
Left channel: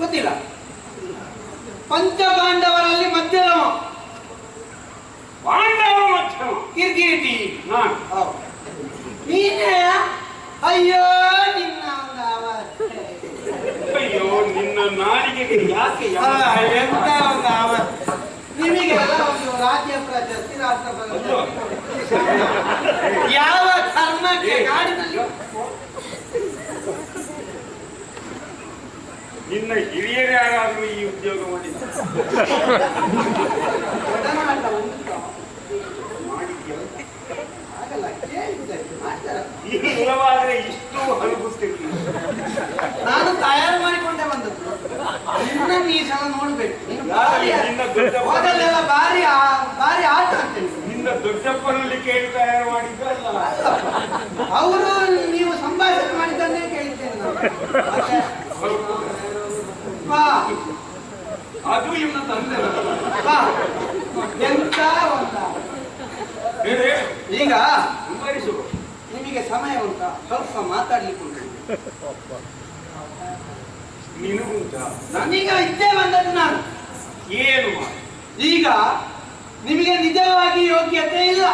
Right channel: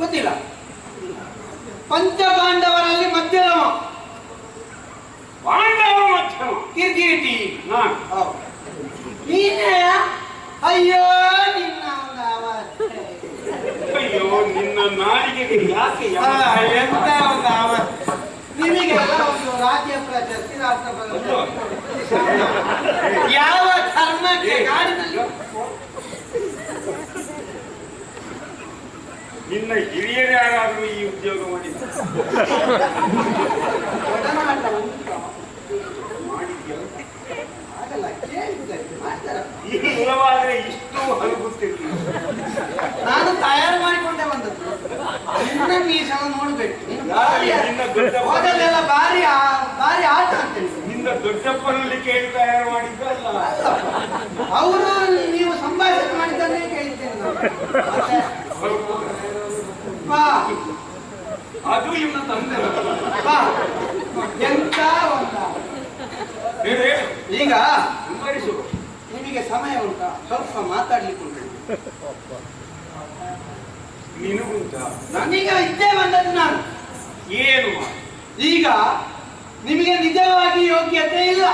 ಗೊತ್ತಿಲ್ಲ. ಪಂಚಪಾಂಡವರಲ್ಲಿ ಮಧ್ಯಮ ಪಾಂಡವ ಮಧ್ಯಮ ಕಿರ್ಕಿರಿಟಿ ನಾನು. ನೀನೇ? ಅಯ್ಯೋ ನಿನ್ನ ಅಯ್ಯೋ, ನಿನ್ನ ನಾಡಿಗೆ ಯಾಕೆ ಎಂತ ಒಂದು ನಿಮಗೆಲ್ಲ ಒಂದು ರಾಜ್ಯ ಪ್ರಶಸ್ತಿ, ರಾಷ್ಟ್ರ ಪ್ರಶಸ್ತಿ, ಯಾವ ಕರ್ಮಕ್ಕೆ ಕಾಡಿನಲ್ಲಿ ನಿನ್ನ ಹಿರಿಯರು ಯಾರಾದ್ರೂ ಈ ಉದ್ಯೋಗ ಮಾಡಿದ್ದಾರೆ? ಇಲ್ಲವಾದ್ರೆ ಇಷ್ಟು ಹಲಗುತ್ತಿರ್ಲಿಲ್ಲ. ನಾನು ತಯಾರು ಮಾಡಿಕೊಂಡೆ ಬಂದದ್ದು. ನಿನ್ನ ಈ ಸಲ ನೋಡ್ಬೇಕು. ಹೋದಲ್ಲೆಲ್ಲ ಭಾರಿ ಆಟ ಅಂತೇಳಿ ನಿನ್ನ ದೊಡ್ಡಪ್ಪನಲ್ಲಿ ಕೇಳಿ ತಯಾರು ಮಾಡಿದ್ದಲ್ಲ. ಅವರು ನೀವು ಸಂಭಾಷಣೆ ಮಾಡಿದ್ದನ್ನೇ ಕೇಳಿದ್ದೇನೆ ನಾನು. ಅದು ಇನ್ನು ತಂದೆ ಎಂತ ಒಂದ. ಈಗ ನಿಮಗೆ ಸಮಯ ಉಂಟಾ? ಸ್ವಲ್ಪ ಮಾತಾಡ್ಲಿಕ್ಕೆ ಉಂಟು. ನಿನಗುಂಟ? ನನಗೆ ಇದ್ದೇ ಬಂದದ್ದು ನಾನು. ಏನು ಈಗ ನಿಮಗೆ ನಿಜವಾಗಿ ಯೋಗ್ಯತೆ ಇಲ್ಲ.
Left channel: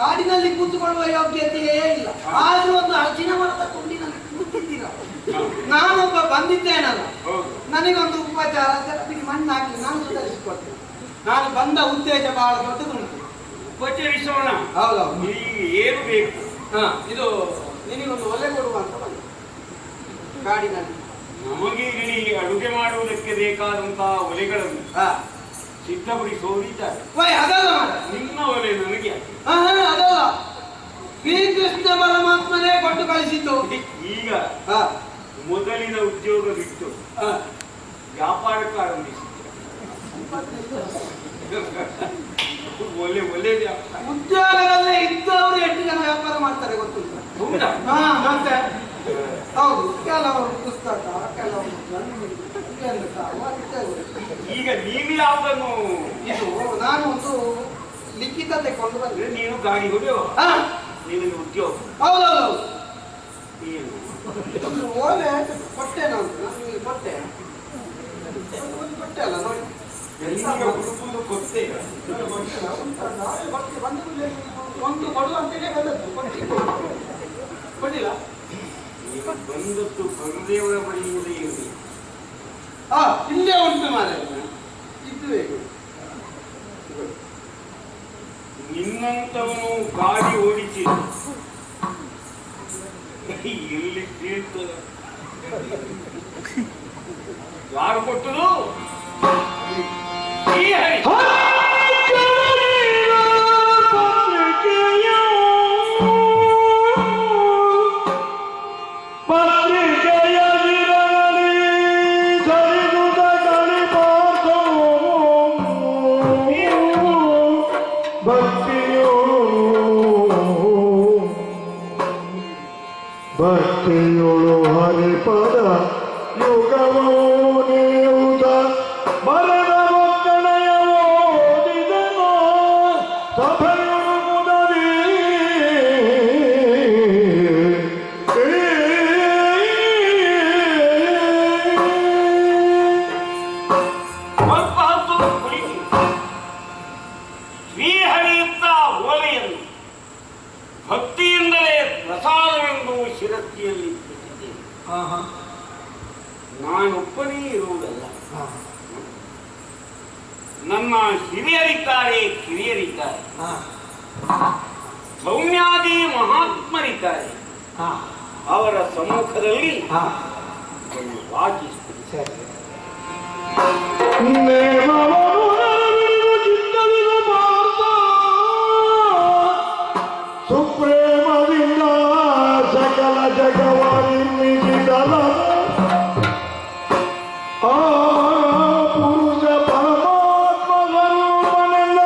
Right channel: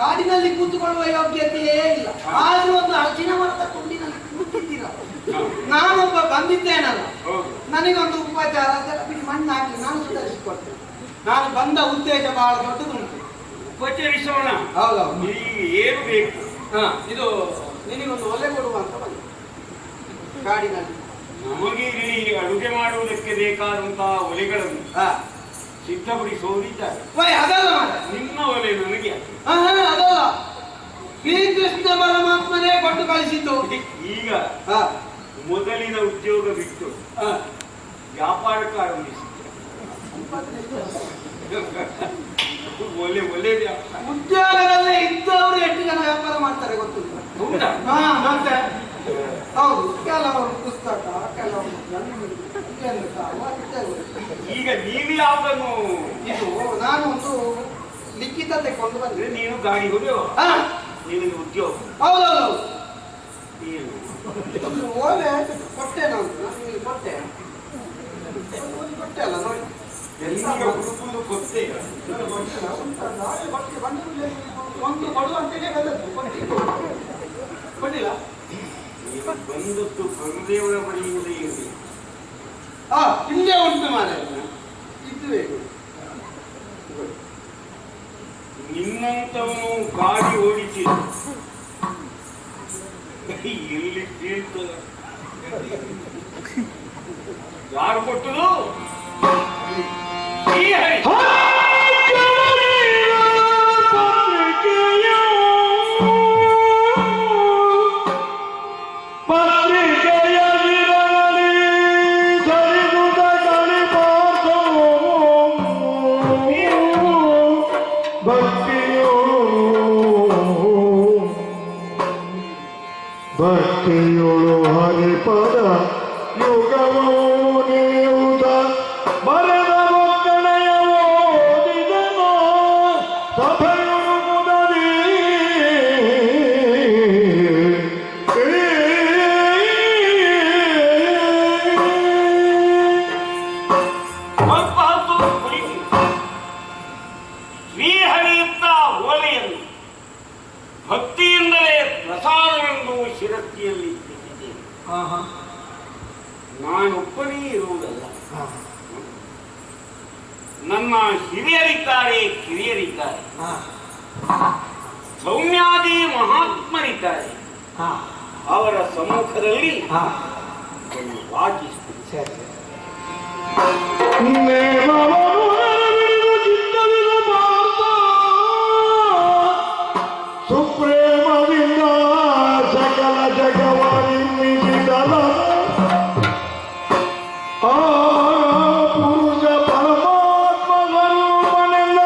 ನಾಡಿನಲ್ಲಿ ಕೂತ್ಕೊಳ್ಳುವ ಯೋಗ್ಯತೆಯೇ ಇಲ್ಲ. ಆದ್ರೂ ಒಂದು ಹಲಸಿನ ಮರದ ಕೊಂಡಿನಲ್ಲಿ ಕೂತಿದ್ದೀರ. ನಾನೊಬ್ಬ ಬಂದಿದ್ದೇನಲ್ಲ, ನನಗೊಂದು ಉಪಚಾರ ಬಿಡಿ ಮಣ್ಣು ಹಾಕಿ ನಾನು ಸುಧಾರಿಸಿಕೊಡ್ತೇನೆ. ನಾನು ಬಂದ ಉದ್ದೇಶ ಬಹಳ ದೊಡ್ಡದುಂಟು. ಉಪಚರಿಸೋಣ. ಹೌದೌದು. ನಿನಗೆ ಏನು ಬೇಕು? ಇದು ನಿನಗೊಂದು ಒಲೆ ಕೊಡುವಂತ ಬಂದ ಕಾಡಿನಲ್ಲಿ. ನಮಗೆ ಇಲ್ಲಿ ಅಡುಗೆ ಮಾಡುವುದಕ್ಕೆ ಬೇಕಾದಂತಹ ಒಲೆಗಳನ್ನು ಸಿದ್ಧಪಡಿಸೋದಿದ್ದಾರೆ. ಅದಲ್ಲ ಮಾಡ ನಿನ್ನ ಒಲೆ ನನಗೆ ಅದಲ್ಲ, ಶ್ರೀಕೃಷ್ಣ ಪರಮಾತ್ಮನೇ ಕೊಟ್ಟು ಕಳಿಸಿದ್ದು. ಈಗ ಮೊದಲಿನ ಉದ್ಯೋಗ ಬಿಟ್ಟು ವ್ಯಾಪಾರಕ್ಕೆ ಆರಂಭಿಸಿದೆ. ಒಳ್ಳೆಯದೇ. ಉದ್ಯೋಗದಲ್ಲೇ ಇದ್ದವರು ಎಷ್ಟು ಜನ ವ್ಯಾಪಾರ ಮಾಡ್ತಾರೆ ಗೊತ್ತಿಲ್ಲ. ಹೌದಾ? ಹಾ ಮತ್ತೆ ಹೌದು, ಕೆಲವರು ಪುಸ್ತಕ, ಕೆಲವರು ಈಗ ನೀವು ಯಾವುದನ್ನು ಇದು ನಾನು ಒಂದು ಲಿಖಿತ ತೆಕೊಂಡು ಬಂದ್ರೆ ನೀನು ಗಾಡಿ ಹೊಡೆಯುವ ನಿನಗೆ ಉದ್ಯೋಗ. ಹೌದೌದು, ಏನು ಓಲೆ ಕೊಟ್ಟೆ ನಾನು ಕೊಟ್ಟೆ ಕೊಟ್ಟೆ ಅಲ್ಲ ನೋಡಿ ಹುಡುಕುದು ಗೊತ್ತೇ. ಒಂದು ಕೊಡುವಂತೆಯೇ ಬಂದದ್ದು ಕೊಟ್ಟಿಲ್ಲ. ಬಂದದ್ದು ಬಂದೇವರ ಬಳಿಯಿಂದ ಇರಲಿ. ಇಲ್ಲೇ ಉಂಟು ಮಾರೆ ಇದುವೇ. ನಿನ್ನಂತವನು ಗಾಡಿ ಓಡಿಸಿ ಎಲ್ಲಿ ಬೀಳ್ತದೆ? ಯಾರು ಕೊಟ್ಟರು? ಶ್ರೀಹರಿ. ಭಕ್ತಿಯೊಳು ಹರಿಪದ ಯುಗವೋ ನೀವುದ ಬರೆದ ಒಕ್ಕಣೆಯ ಓದಿದನೋ ಸಭೆಯೊಳು ಮುದದಿ ಸ್ವಲ್ಪ ಹೊತ್ತು ಕುಳಿತು ಶ್ರೀಹರಿಯುತ್ತ ಓಲೆಯನ್ನು ಭಕ್ತಿಯಿಂದಲೇ ಪ್ರಸಾದವೆಂದು ಶಿರಸ್ತಿಯಲ್ಲಿ ಇಟ್ಟಿದ್ದೇನೆ. ನಾನೊಬ್ಬನೇ ಇರುವುದಲ್ಲ, ನನ್ನ ಹಿರಿಯರಿದ್ದಾರೆ, ಕಿರಿಯರಿದ್ದಾರೆ, ಸೌಮ್ಯಾದಿ ಮಹಾತ್ಮರಿದ್ದಾರೆ. ಅವರ ಸಮ್ಮುಖದಲ್ಲಿ ವಾಚಿಸುತ್ತೇನೆ. ಸುಪ್ರೇಮದಿಂದ ಸಕಲ ಜಗವನ್ನಿಸಿದಲ ಆ ಪುರುಷ ಪರಮಾತ್ಮ ಸ್ವರೂಪನೆಲ್ಲ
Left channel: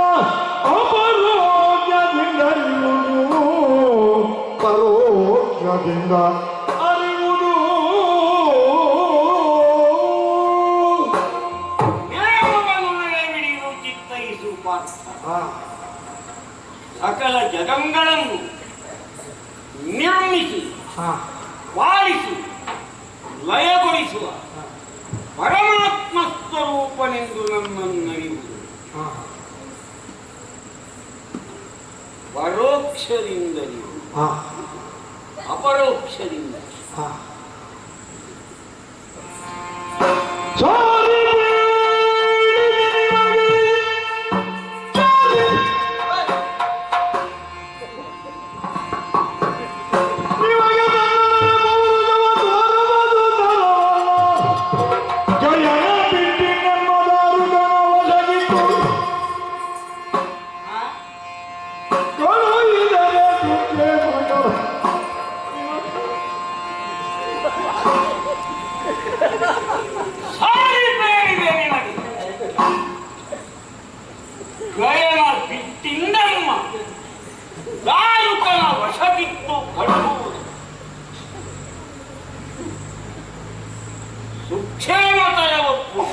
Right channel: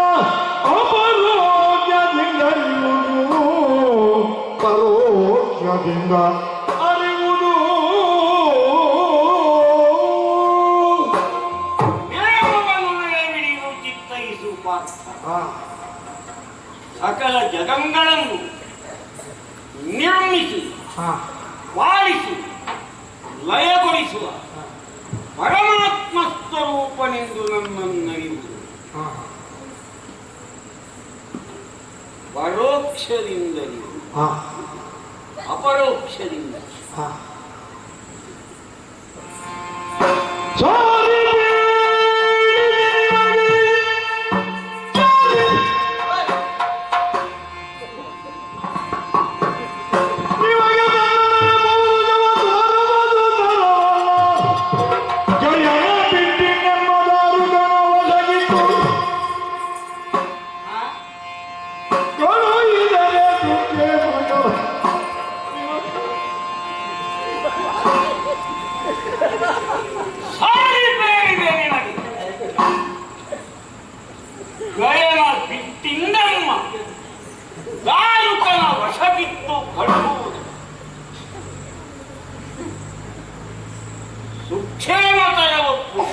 ಅಪರೋಕ್ಷದಿಂದ ಅರಿಯುವುದು, ಪರೋಕ್ಷದಿಂದ ಅರಿಯುವುದು. ಚಿತ್ತೈಸು ಪಾತ್ರ ಸಕಲ ಜಗಂಗಳನ್ನು ನಿರ್ಮಿಸಿ ಪಾಲಿಸಿ ಲಯಗೊಳಿಸುವ ಪರಮಾತ್ಮ ಸ್ವರೂಪನೆಂದು ನನ್ನನ್ನರಿಯುವುದು. ಪರೋಕ್ಷದಿಂದರಿಯುವುದು, ಅಪರೋಕ್ಷದಿಂದ. ಗಯನ ಬಿಟ್ಟಿಂದಮ್ಮ ದಾರುಕನ ವಶವಿತ್ತು ಕಳುವುದು ಸುಕ್ಷೇಮತರ ಒಪ್ಪು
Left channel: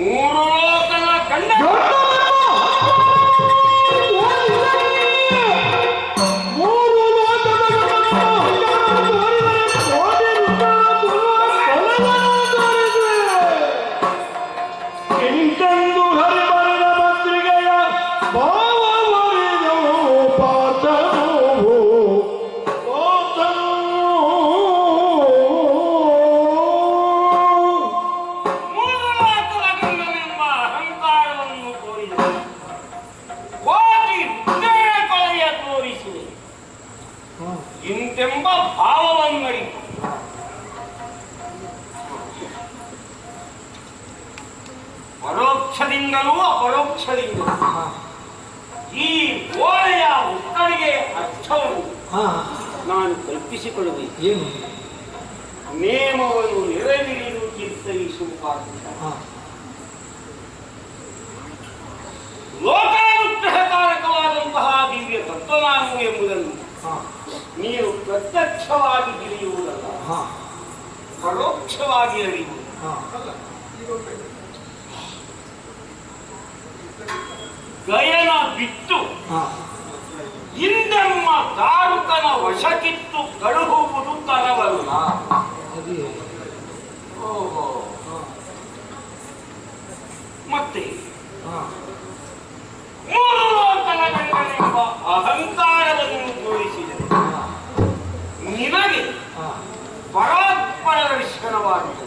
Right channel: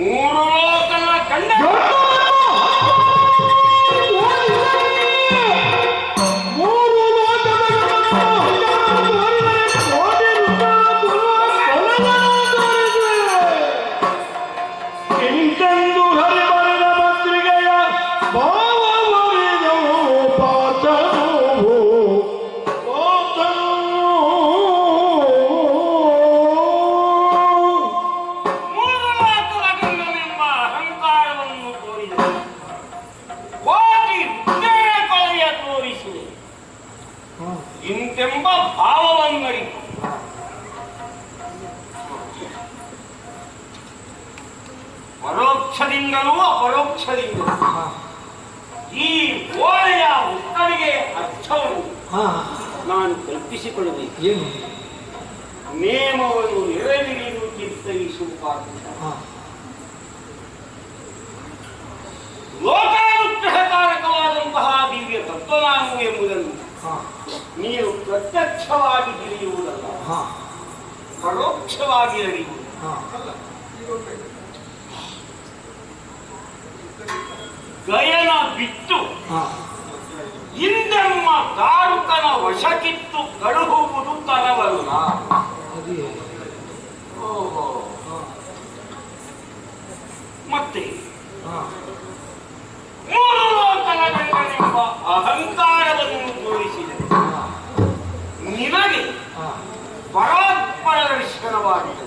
ಮೂರು ಲೋಕದ ಕಂಡ ಇಂತೆಂಬ ಭಾವವನ್ನರಿತು ಪರೋಕ್ಷದಿಂದಲೂ ಅಪರೋಕ್ಷದಿಂದಲೂ ಈ ಓಲೆಯ ಉತ್ತರಿಗೆ ಅರ್ಥವನ್ನು ನಾನು ಕಲ್ಪಿಸಿಕೊಳ್ಳಬೇಕು. ಏನು ನೇಮವನ್ನು ನೆರವೇರಿದು ಚಿತ್ತೈಸುವ ಲೋಕಾನುಗ್ರಹಕಾರಕವಾದಂತಹ ದಿವ್ಯ ತತ್ವ ನಾನು ಎಂಬುದನ್ನು ನೀನು ಪ್ರತ್ಯಕ್ಷವಾಗಿ ತಿಳಿಯುವುದಲ್ಲ, ಪರೋಕ್ಷವಾಗಿ ಅರಿಯುವುದು. ಗಯನ ಬಿಟ್ಟು ಹಿಂದೆಮ್ಮ ತಾರುಕನ ವಶಕ್ಕಿತ್ತು ಕಳುಹುವುದು ತರವಲ್ಲ. ಮತ್ತೆ ಮೂರು ಲೋಕಗಳೆಂಬ ಅಹಂಕಾರವನ್ನು ತೋರಿಸಿದೆ. ನಿನಗೆ ಪರಾತ್ಪರ ದರ್ಶನವಾಗಿದೆ.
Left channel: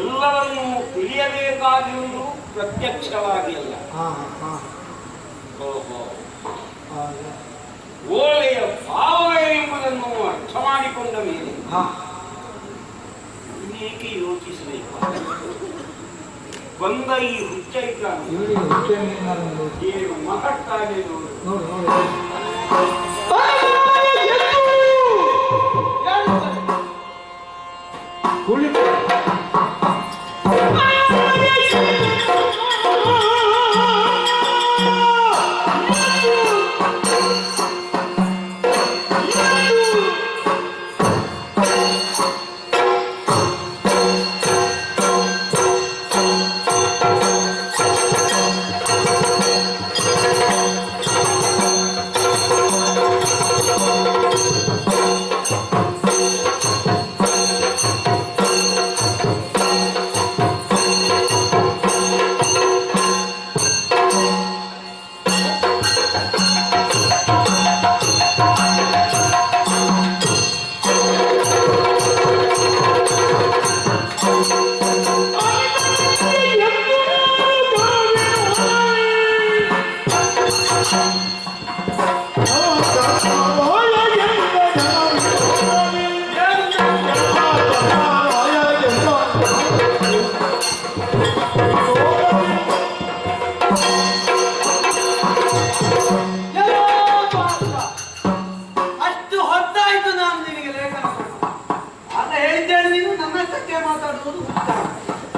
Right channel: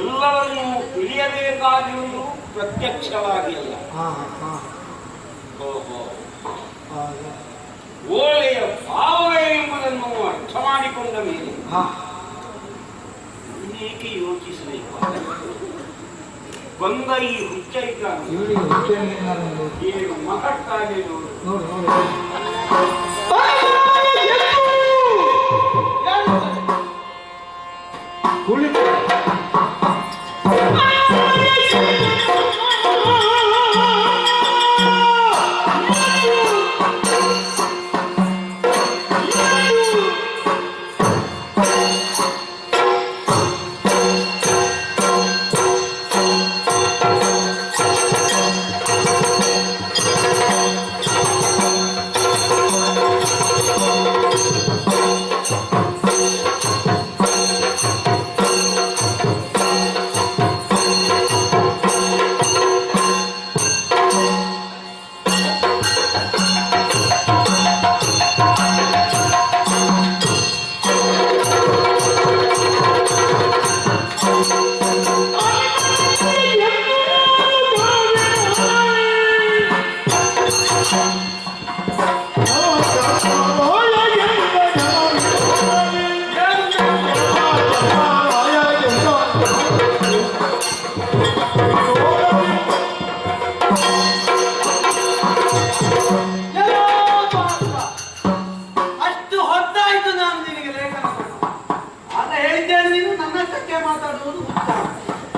ಎಲ್ಲವನ್ನೂ ತಿಳಿಯಬೇಕಾಗಿರುವುದು ಪ್ರತ್ಯಕ್ಷವಾಗಿ ಅಲ್ಲ, ಓಲೆಯ ಭಾವಗಳೆಂಬುದನ್ನು ಅರ್ಥ ಮಾಡಿಕೊಂಡ ಮೇಲೆ ಏಕೆ ಯೋಚಿಸಬೇಕು? ಬಂದ ಈ ಹುಚ್ಚೈತ ಏನು ಮಹತ್ತಾಗಿ ನೋಡು.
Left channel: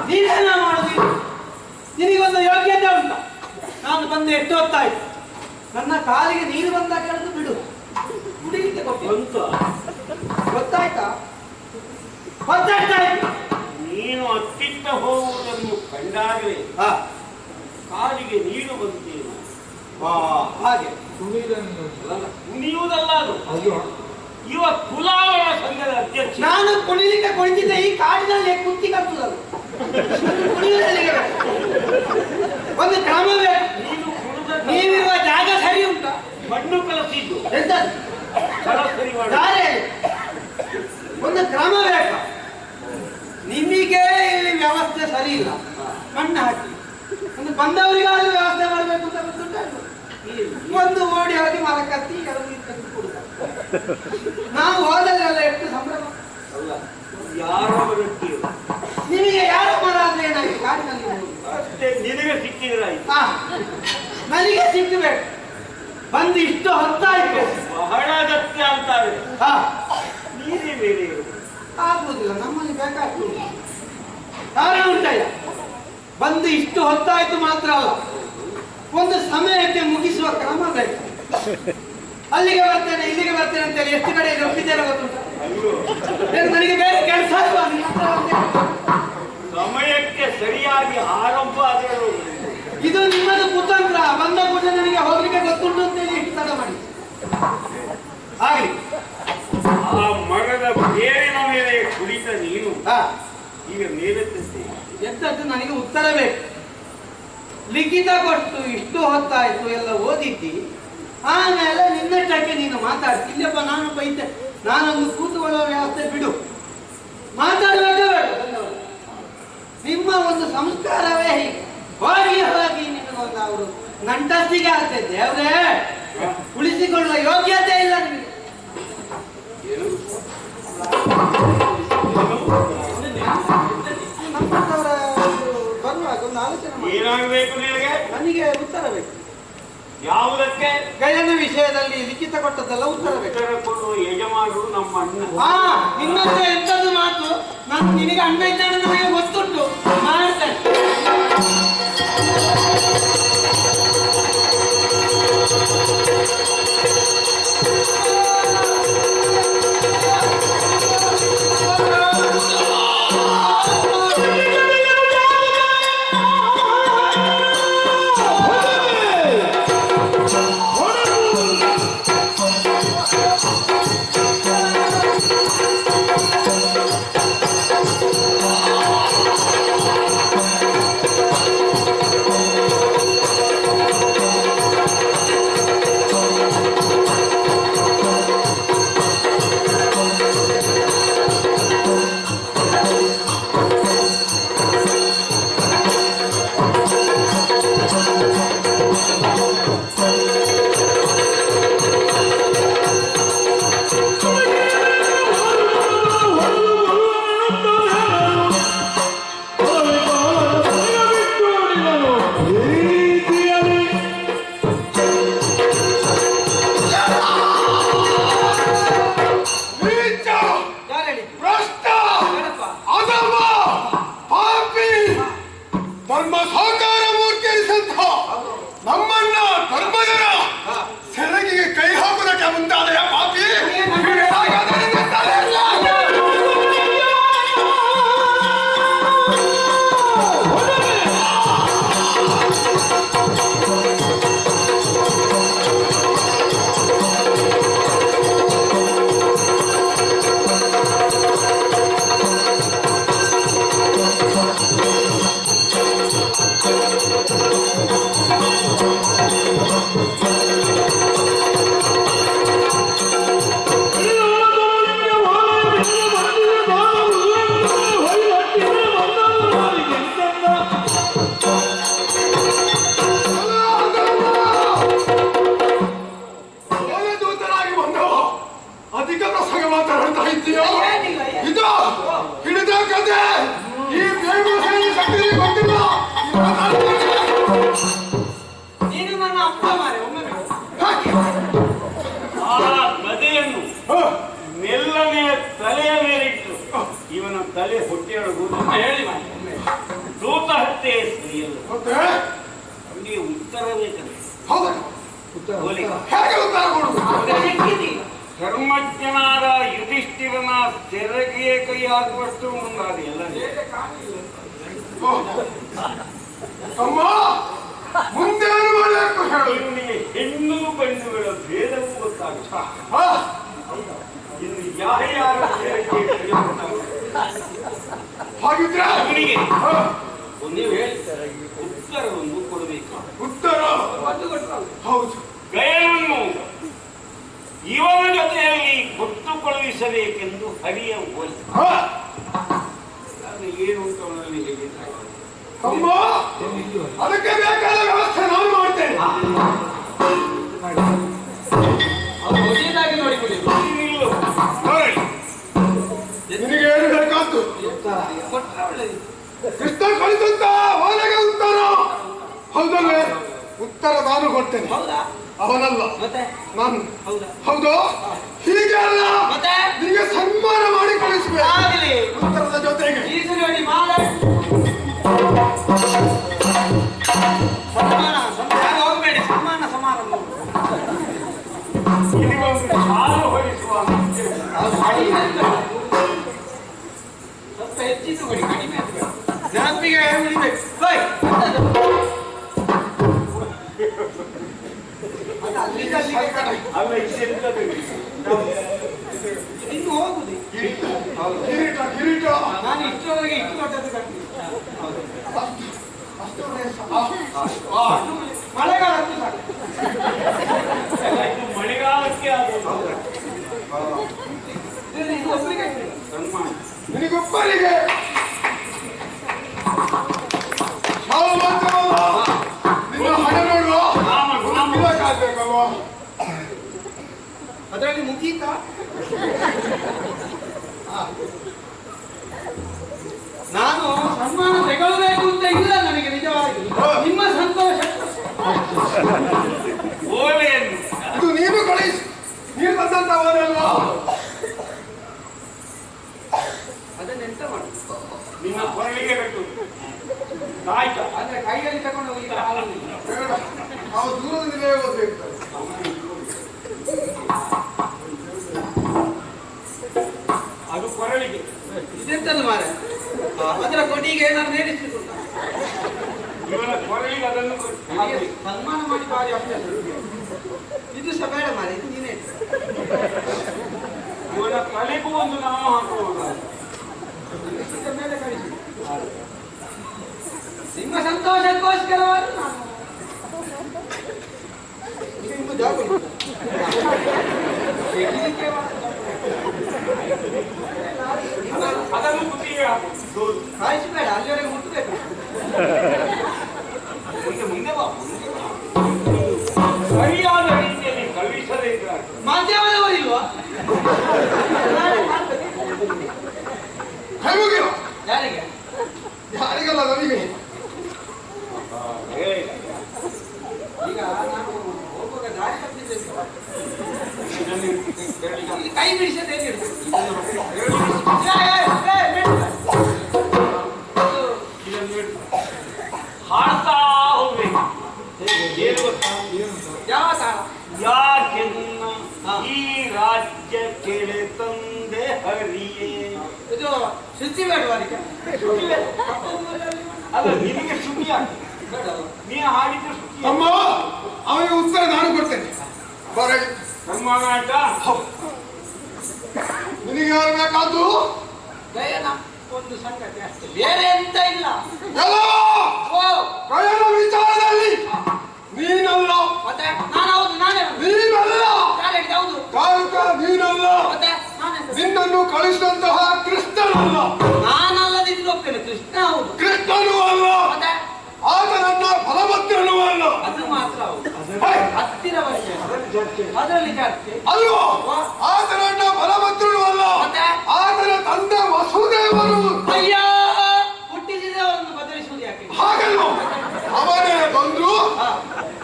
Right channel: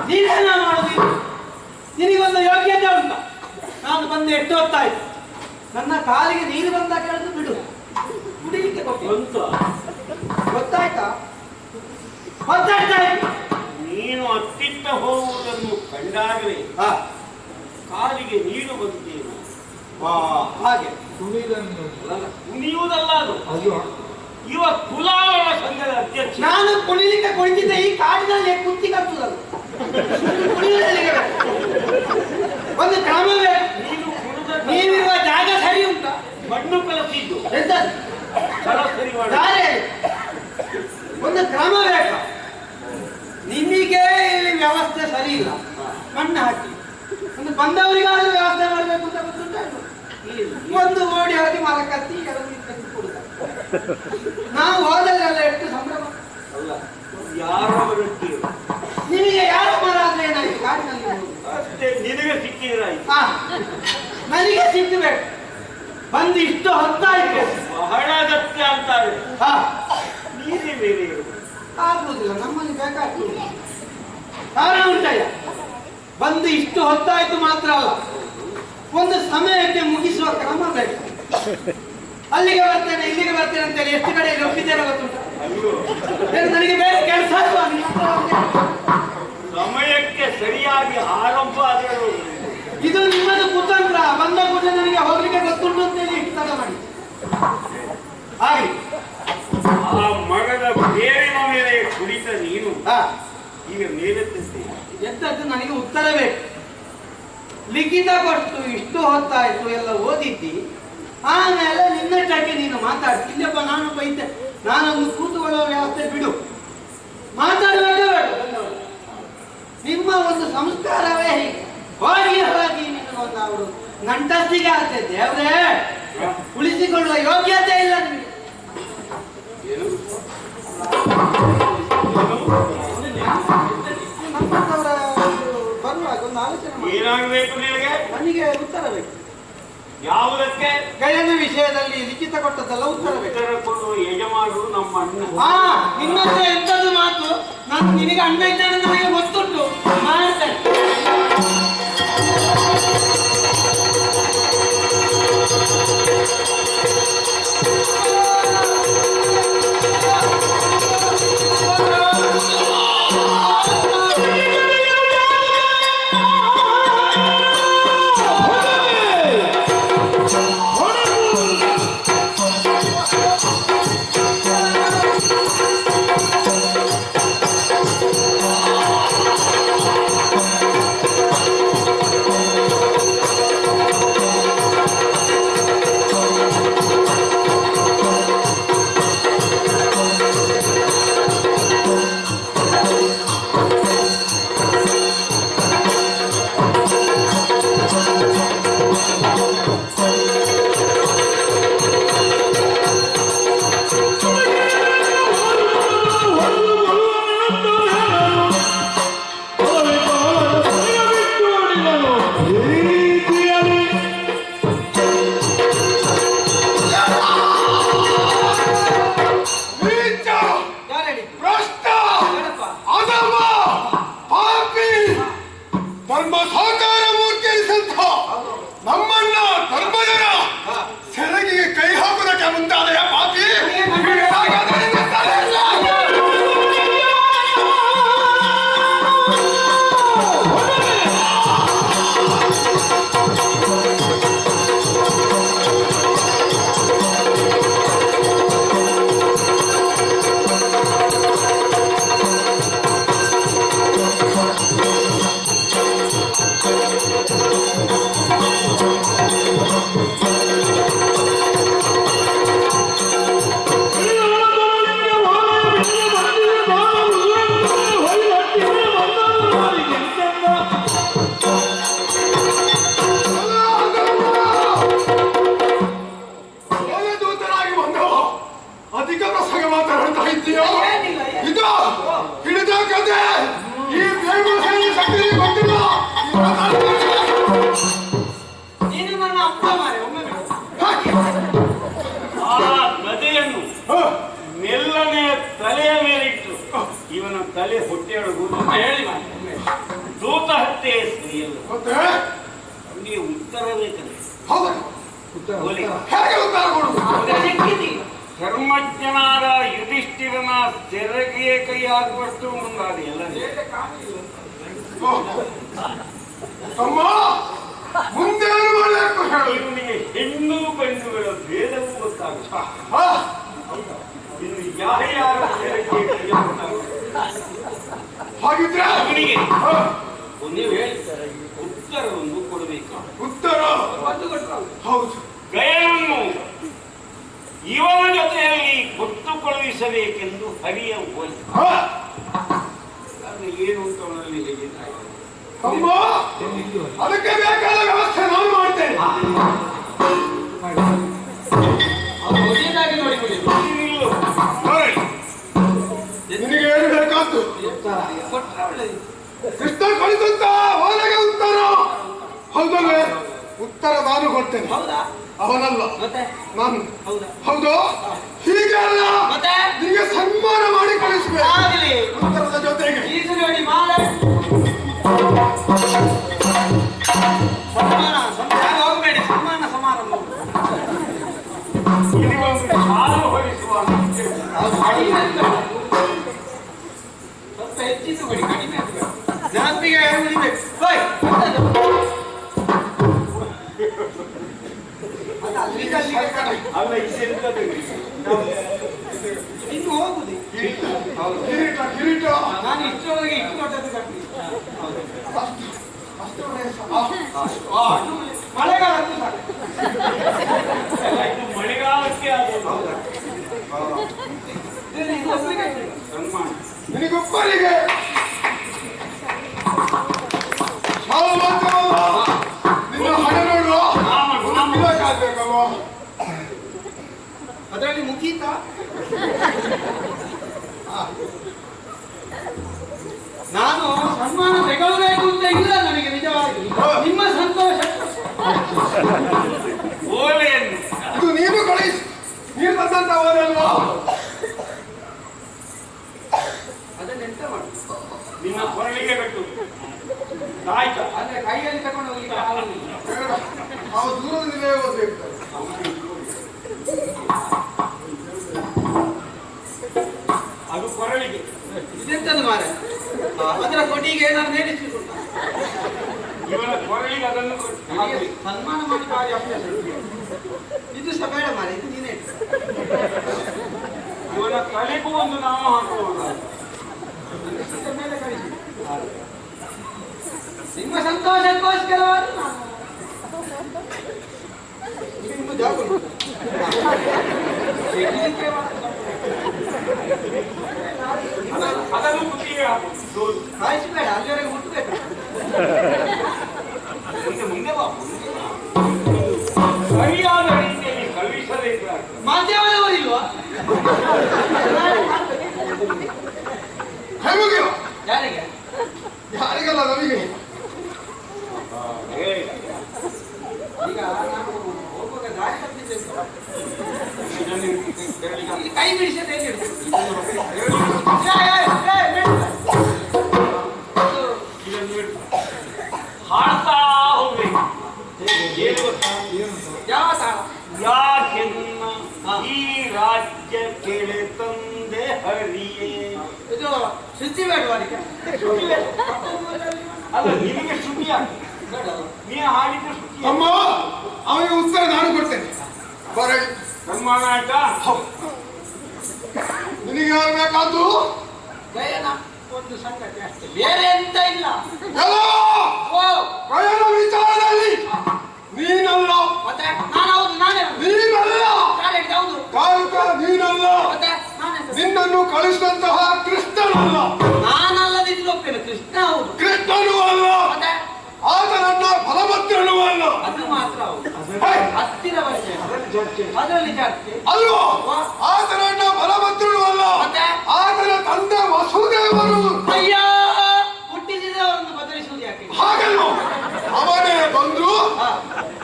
ನೀನೇನ ಮಾಡುದು? ನಿನಗೊಂದು ಯೋಗ್ಯತೆ ಉಂಟ. ನಾನು ಬಂದು ಎಷ್ಟು ಹೊತ್ತಾಯ್ತು, ನನ್ನ ಕಾಲಿಗೆ ನೀರು ಬಂದ ಕೇಳಿದು ಬಿಡು, ಕುಡಿಲಿಕ್ಕೆ ಕೊಟ್ಟು ಗೊತ್ತಾಯ್ತಾ? ಗೊತ್ತಾಯ್ತಾಯ್ತು. ನೀನು ಅತ್ತಿತ್ತ ಹೋಗುವುದನ್ನು ಕಂಡಾಗಲೇ ಕಾಲಿಗೆ ನೀರು ಬಂತೇನು? ಹಾಗೆ ಕುಣಿಯುವುದಲ್ಲ ಅದು. ಇವ ಕುಲಾವರ ಸಂಘದ ಅಧ್ಯಕ್ಷ. ನಾನು ಕುಣಿಲಿಕ್ಕೆ ಕುಳಿತಿದ್ದೆ ಈ ಕಾಡಿನಲ್ಲಿ ಕುಂತಿ ಕಟ್ಟುದಲ್ಲ. ಒಂದು ಕ್ರಮವೇ. ನೀವಿರುವ ಜಾಗ ಸರಿ ಉಂಟ? ಮಣ್ಣು ಕಲಸಿದ್ದು ಎಂತ ಸರಿ ಒಂದು ಕ್ರಮ ಬೇಕು. ನಿಮಗೆ ವ್ಯವಸ್ಥೆ ಸರಿ ಇಲ್ಲ, ಮಣ್ಣು ಹಾಕಿ ಒಂದು ಬಂದವರಿಗಾದ್ರೂ ವ್ಯವಸ್ಥೆ ಮಾಡಬೇಕು ಅಂತ ಗೊತ್ತುಂಟ. ಒಂದು ಓಡಿ ಹೋಗಿ ಮರ ಕತ್ತಿ ಕೆಲವು ಕತ್ತಿ ಕೊಡುತ್ತ ನಾವು ಹೋದಲ್ಲೆಲ್ಲ ಎಷ್ಟು ಸಂಭ್ರಮ ಅಲ್ಲ. ಯಾರು ನಿಮಗೆ ಯಾರ ಮರ ಅಂದ್ರೆ ಏನಾಗಿ ಕಾಡಿನಲ್ಲಿ ಅಷ್ಟೇ, ನಿನಗೆ ಸಿಕ್ಕಿದ್ರಾಯ್ತು. ನನಗೆ ಸಿಕ್ಕಬೇಕು. ಬಂದು ಇಷ್ಟು ಹೊತ್ತಾಯ್ತು, ಬಹಳ ಅಗತ್ಯ ಅಂತಾರೆ. ನೀರೇ ಬೇರೆ ಆಗುವುದಿಲ್ಲ, ನಮ್ಮಲ್ಲಿ ಬೇಕಾಗ್ತದೆ. ಕಾರಣ ಉಂಟಯ್ಯ, ಬಂದು ಇಷ್ಟು ಹೊತ್ತಾಯ್ತು ಮಾತ್ರ ಅಲ್ಲ, ಒಂದು ಸಮಯಕ್ಕೆ ಮುಗಿಸುವ ಕ್ರಮ ಬೇಕು. ಅಲ್ಲಿಗೆ ಬರ್ತೇನೆ ಇಲ್ಲಿಗೆ ಬರ್ತೇನೆ ಅಂತೇಳಿ ಎಷ್ಟು ಕಡೆಯಲ್ಲಿ ಒಪ್ಪಿದ್ದೇನೆ ಗೊತ್ತುಂಟು. ನನಗೆ ಬೇರೆ ಕೆಲಸ ಅಲ್ವಾ? ಸಮಯಕ್ಕೆ ಸರಿಯಾಗಿ ಆರಂಭ ಆದರೂ ಇದು ನಿಮ್ಮದು ಕುತಂತ್ರ. ಬಂದ ಕೂಡ ನನಗೆ ಹೋಗ್ಲಿಕ್ಕೆ ಗೊತ್ತುಂಟು ಅಂತೇಳಿ ಇಷ್ಟು ತಡ ಮಾಡಿ ಹಾಗೆ ಆ ಮಗದ ಬೇರಿನ ಮೇಲೆ ಕುಳಿತ ನೀನು ಈಗ ಮೇಲೆ ಎಂತದ್ದು ನನಗೆ ಉತ್ತರ ಬೇಕು. ಲಿಖಿತ ಕೊಟ್ಟು ಇಷ್ಟು ಹೊತ್ತಾಯ್ತು ಎಲ್ಲ ಓದಿದ್ದಿ, ಆಮೇಲೆ ನಿನ್ನಷ್ಟಕ್ಕೆ ನೀನು ಮಾತಾಡ್ತಿ. ಇಲ್ಲಪ್ಪ ನಾನು ಬೈತೆ, ನಾನೊಂದು ಕೂತುಕೊಳ್ಳುವ ವ್ಯವಸ್ಥೆ ಬಿಡು, ಮಾತಾಡಬೇಕೇ ಬೇಡ. ನಿಮ್ಮ ಒಂದು ಸಂಸ್ಕಾರವೇ ಹೀಗೆ. ಹೋಗಿ ಹೋಗಿ ನಿಮಗೊಂದು ಅವರು ನಂಟಸ್ತಿಗೆ ಆಗ್ತದೆ. ದೇವ್ರೇ, ಉಳಿಸಿಕೊಳ್ಳುವ ಯೋಗ್ಯತೆ ಇಲ್ಲ ನಿಮಗೆ. ನಮ್ಮಂತವರ ಬರುವಾಗ ಒಂದು ಆಲೋಚನೆ ಏನಾಗಬೇಕು ನಿನಗೆ? ನನಗೆ ಉತ್ತರ ಬೇಕು. ಯಾವುದಕ್ಕೆ? ಗಯನ ವಿಷಯದಲ್ಲಿ ಲಿಖಿತ ಕೊಟ್ಟದ್ದೆಲ್ಲ ಉತ್ತರ ಬೇಕು. ಉತ್ತರ ಕೊಡುವ ಯಜಮಾನರು ನಮ್ಮ ಅಣ್ಣ. ಇನ್ನೊಂದು ಎಂತದ್ದು ಮಾತು, ನಾನು ನಿನಗೆ ಅಣ್ಣ ಇದ್ದಾನೆ ನನಗೆ ಗೊತ್ತುಂಟು, ಮಾಡ್ತೇನೆ. ತಲೆ ಹೊಟ್ಟೆಯೊಳಗು ಹೇಳಿ ದೂತ ಹತ್ಯೆ ಸರಿಯಲ್ಲ. ಮತ್ತೆ ಅವನಿಗೆ ಉತ್ತರ ಬೇಕಂತೆ. ಹೌದಾ ಹೋಲಿ. ಹೇಗೆ ಉತ್ತರ ಕೊಡುದು? ಧರ್ಮಜ್ಞನಾದ ಯುಧಿಷ್ಠಿರನ ಸೆರಗಿಯ ಕೈ ಹಾಕುವಷ್ಟು ಮುಂದಾದ ಎಲ್ಲ ಅಮ್ಮ ಮುಂದೆ ಏನು ಮಾಡಬೇಕು ಹೇಳು. ಇವನಿಗೆ ಹೆಣ್ಣು ಗಂಡುಗಳ ಭೇದವೂ ಗೊತ್ತಾಗುತ್ತೆ. ಇನ್ನು ಯಾರ್ಯಾರ ಸೆರಗಿಯ ಕೈ ಹಾಗಿದ್ರೆ ಅವನಿಗೆ ನೀವು ಹೇಳಿ ಉತ್ತರವನ್ನು ಕೊಡಬೇಕು. ಉತ್ತರ ಹೌದು. ಗಯನನ್ನು ಇವನ ಜೊತೆಯಲ್ಲಿ ಕೊಟ್ಟು ಕಳುಹಿಸಬೇಕೆಂದು ಹರಿಯ ಹೋಲಿ. ಅದು ಏನು ಅಂತ ಅವನಲ್ಲಿ ಹೇಳಿದ್ದಾರೆ. ಅಮ್ಮ ಅದಕ್ಕೆ ಬೇಕಾದ ವ್ಯವಸ್ಥೆ ನಾನು ಮಾಡ್ತೇನೆ. ನಿನಗೆ ಏನು ಬೇಕಾದ್ದು? ಕೃಷ್ಣ ಕಳಿಸುತ್ತ ಅವನಿಗೆ ಉತ್ತರ. ಹೌದಲ್ವೇ? ಉತ್ತರ ನಾನು ಕೊಡ್ತೇನೆ, ಅವನಲ್ಲ ನಾನು. ಹೌದು, ಹೀಗೆ ಅಲ್ಲ, ನಿಮಗೆ ಸನ್ಮಾನ ಮಾಡಿ ಕಳಿಸಬೇಕು ಉತ್ತರದ ಜೊತೆಗೆ. ಹೋಗಬೇಡಿ, ಸನ್ಮಾನ ಸಮಾರಂಭ ಇಲ್ಲಿಗೊಂದು ಹಾಲು ಹೊರಿಸುವ ಸ್ವಲ್ಪ ಹೆಚ್ಚಿದ್ದು ಕೊಡಿ, ಕಡಿಮೆ ನೆನಪಿಗೆ ಉಳಿಬೇಕು. ಅಲ್ಲ ಇಷ್ಟೆಂತದ್ದು ಇನ್ನು ಹೋಗುದು. ಕಿರೀಟ ಕಿರೀಟ ನಾನು ಇಷ್ಟರೊಳಗೆ ಇಷ್ಟು ದೊಡ್ಡದು ಕಟ್ಟಿ ಮಳೆಗಾಲಕ್ಕೆ ಇದು ಮಳೆಗಾಲಕ್ಕೆ ಆಗೋದು ಸನ್ಮಾನ. ನಿನಗೊಬ್ಬರಿಗೆ ನಿನ್ನ ಹಣ ನೋಡುವ ಆಗ್ಬೇಕಲ್ವಾ? ಅದರಲ್ಲಿ ಮುಗೀತಾ? ನಾನು ಸನ್ಮಾನ ತೆಗೊಳ್ಬೇಕು ಅಂತ ಇಲ್ಲ ನನಗೆ ನಿಜವಾಗಿ. ನಿಮ್ಮ ಸಂತೋಷ ಓಲೆಯನ್ನು ಇದು ನೀನು ಕಳಿಸಿ, ನೀನು ತಂದಂತ ಓಲೆಯಲ್ವಾ? ಅದನ್ನೆಂತ ಮಾಡು? ನಿನ್ನ ಕೊರಳಿಗೆ ಕಟ್ಟು ಆಯ್ತಾ? ಅಂದ್ರೆ ಕೈಯಲ್ಲಿ ತಗೊಂಡು ಹೋಗ್ಲಿಕ್ಕೆ ಆಗುದಿಲ್ಲ. ಅವ ದೂರದಿಂದಲೇ ಓದ್ಬೇಕು. ಅದು ಕೊರಳಿಗೆ. ಇದೆಂತದ್ದು ಮಾರ? ಅದರ ಕೊಡಿಗೆ ಏನಾದ್ರು ನೇರಿಸಿಕೊಂಡ ಇವನ ಕೊರಳಿಗೆ ಅದನ್ನು ಹಾಗೆ ಸನ್ಮಾನ ಮಾಡಿ ಬಾರಿ ಅಭ್ಯಾಸ. ಇದು ಸಹ ಬೇಡ ಮಾರ, ಇದು ನೀನೇ ಇಟ್ಟು. ಇವನ ತಲೆಗೂ ಒಂದು ನಾಮ ಹಾಕುವುದು. ಮೇಲೆ ಕಳಿಸಿ. ನಿಮ್ಮ ಸಂತೋಷಕ್ಕೋಸ್ಕರವಾಗಿ ನಾನು ಇದು ಇನ್ನು ಜಾಗ ಉಂಟು. ಅದನ್ನು ಬುದ್ಧಿಗೆ ಹಾಕುವುದು. ಕಾಯಿಸಬೇಡ, ಅಲ್ಲಿವರೆಗೆ ಮುಟ್ಟಬೇಕು. ಮುಂದೆ ಬಾ, ಮುಂದೆ ಬಾ. ಸರಿಯಾದ ರೀತಿಯಲ್ಲಿ ಕಳುಹಿಸಬೇಕಾಗ್ತದೆ. ಮಾಧ್ಯಮದವರಿಲ್ವಾ? ಹೇಗೆ? ಯಾರಿಗೆ? ಯಾರಿಗಲ್ಲ, ನಮಗೆ. ಈಗ ನಾನು ಹೋಗುವಾಗ ದಾರಿ ತಪ್ಪಿದ್ದೇನೆ. ಕೈ ಬಿಡಿಸೋದು ಹೇಗೆ ಹಾಡ್ತಾ ಹೋಗ್ಬೇಕು. ಏನು ಗೊತ್ತಾ? ಯಾವ ತಾಳ? ಯಾಕೆನ್ನ ಈ ರಾಜ್ಯ ಕೆಳೆ ತಂದೆ ಹರಿಯೇ. ಇದು ಶುಚಿ ಬೇಡವಾ ಅದಕ್ಕೆ? ಅಲ್ಲ, ನಿನಗೆ ಶುಚಿ ಆಗ್ತದೆ. ನೀ ಹಾಡಿದ್ರೆ ಶುಚಿ. ಅಮ್ಮ ಅವನಿಗೆ ಉತ್ತರ ನಾನು ಕೊಡ್ತೇನೆ. ಬರ ಸನ್ಮಾನ ಆಯ್ತಾ? ನಿನಗೆ ಯಾರು ಬೇಕಾದ್ದು? ಗಯನ ಒಂದು ಸಂಗತಿ ಅಷ್ಟೇ, ಬೇರೆ ಎಂತ ಇಲ್ಲ. ಎಲ್ಲ ಓ ಗಯನ ವಿಚಾರದಲ್ಲಿ ನೀನಲ್ಲ, ಮತ್ತೆ ನಾನು ಹೌದು, ನಾನೇ ನೀನಲ್ಲ, ಹೌದು, ಕಾರುಕ ನೀನಲ್ಲ, ಮತ್ತೆ ನಾನೇ ನಿನ್ನನ್ನು ಕಳಿಸಿದಂತಹ ಕೃಷ್ಣನಲ್ಲ, ನಾನಲ್ಲದಿದ್ದು ಒಪ್ಪೇನೆ. ಕೃಷ್ಣ ಹೌದು, ಕೃಷ್ಣನೂ ಅಲ್ಲ, ಮತ್ತೆ ಆತನನ್ನ ಫಲಭದ್ರನೂ ಅಲ್ಲ. ಅದು ಮಾತ್ರ ಹೌದು. ಹೇ, ಹತ್ತಿರ ವರ್ಷ ಅದರಲ್ಲಿ ಚರ್ಚೆ ಅಲ್ವೋ? ಆತನನ್ನ ಫಲಭದ್ರನೂ ಅಲ್ಲ, ಮತ್ತೆ ಆತನ ತಂದೆ ವಸುದೇವರು. ಅಯ್ಯ, ಹುಟ್ಟಿಸಿದವರನ್ನು ಬದಲಿಸುವುದು ಯಾಕೆ? ಹಾಗಲ್ವೋ? ಅವನೇ ಬಂದು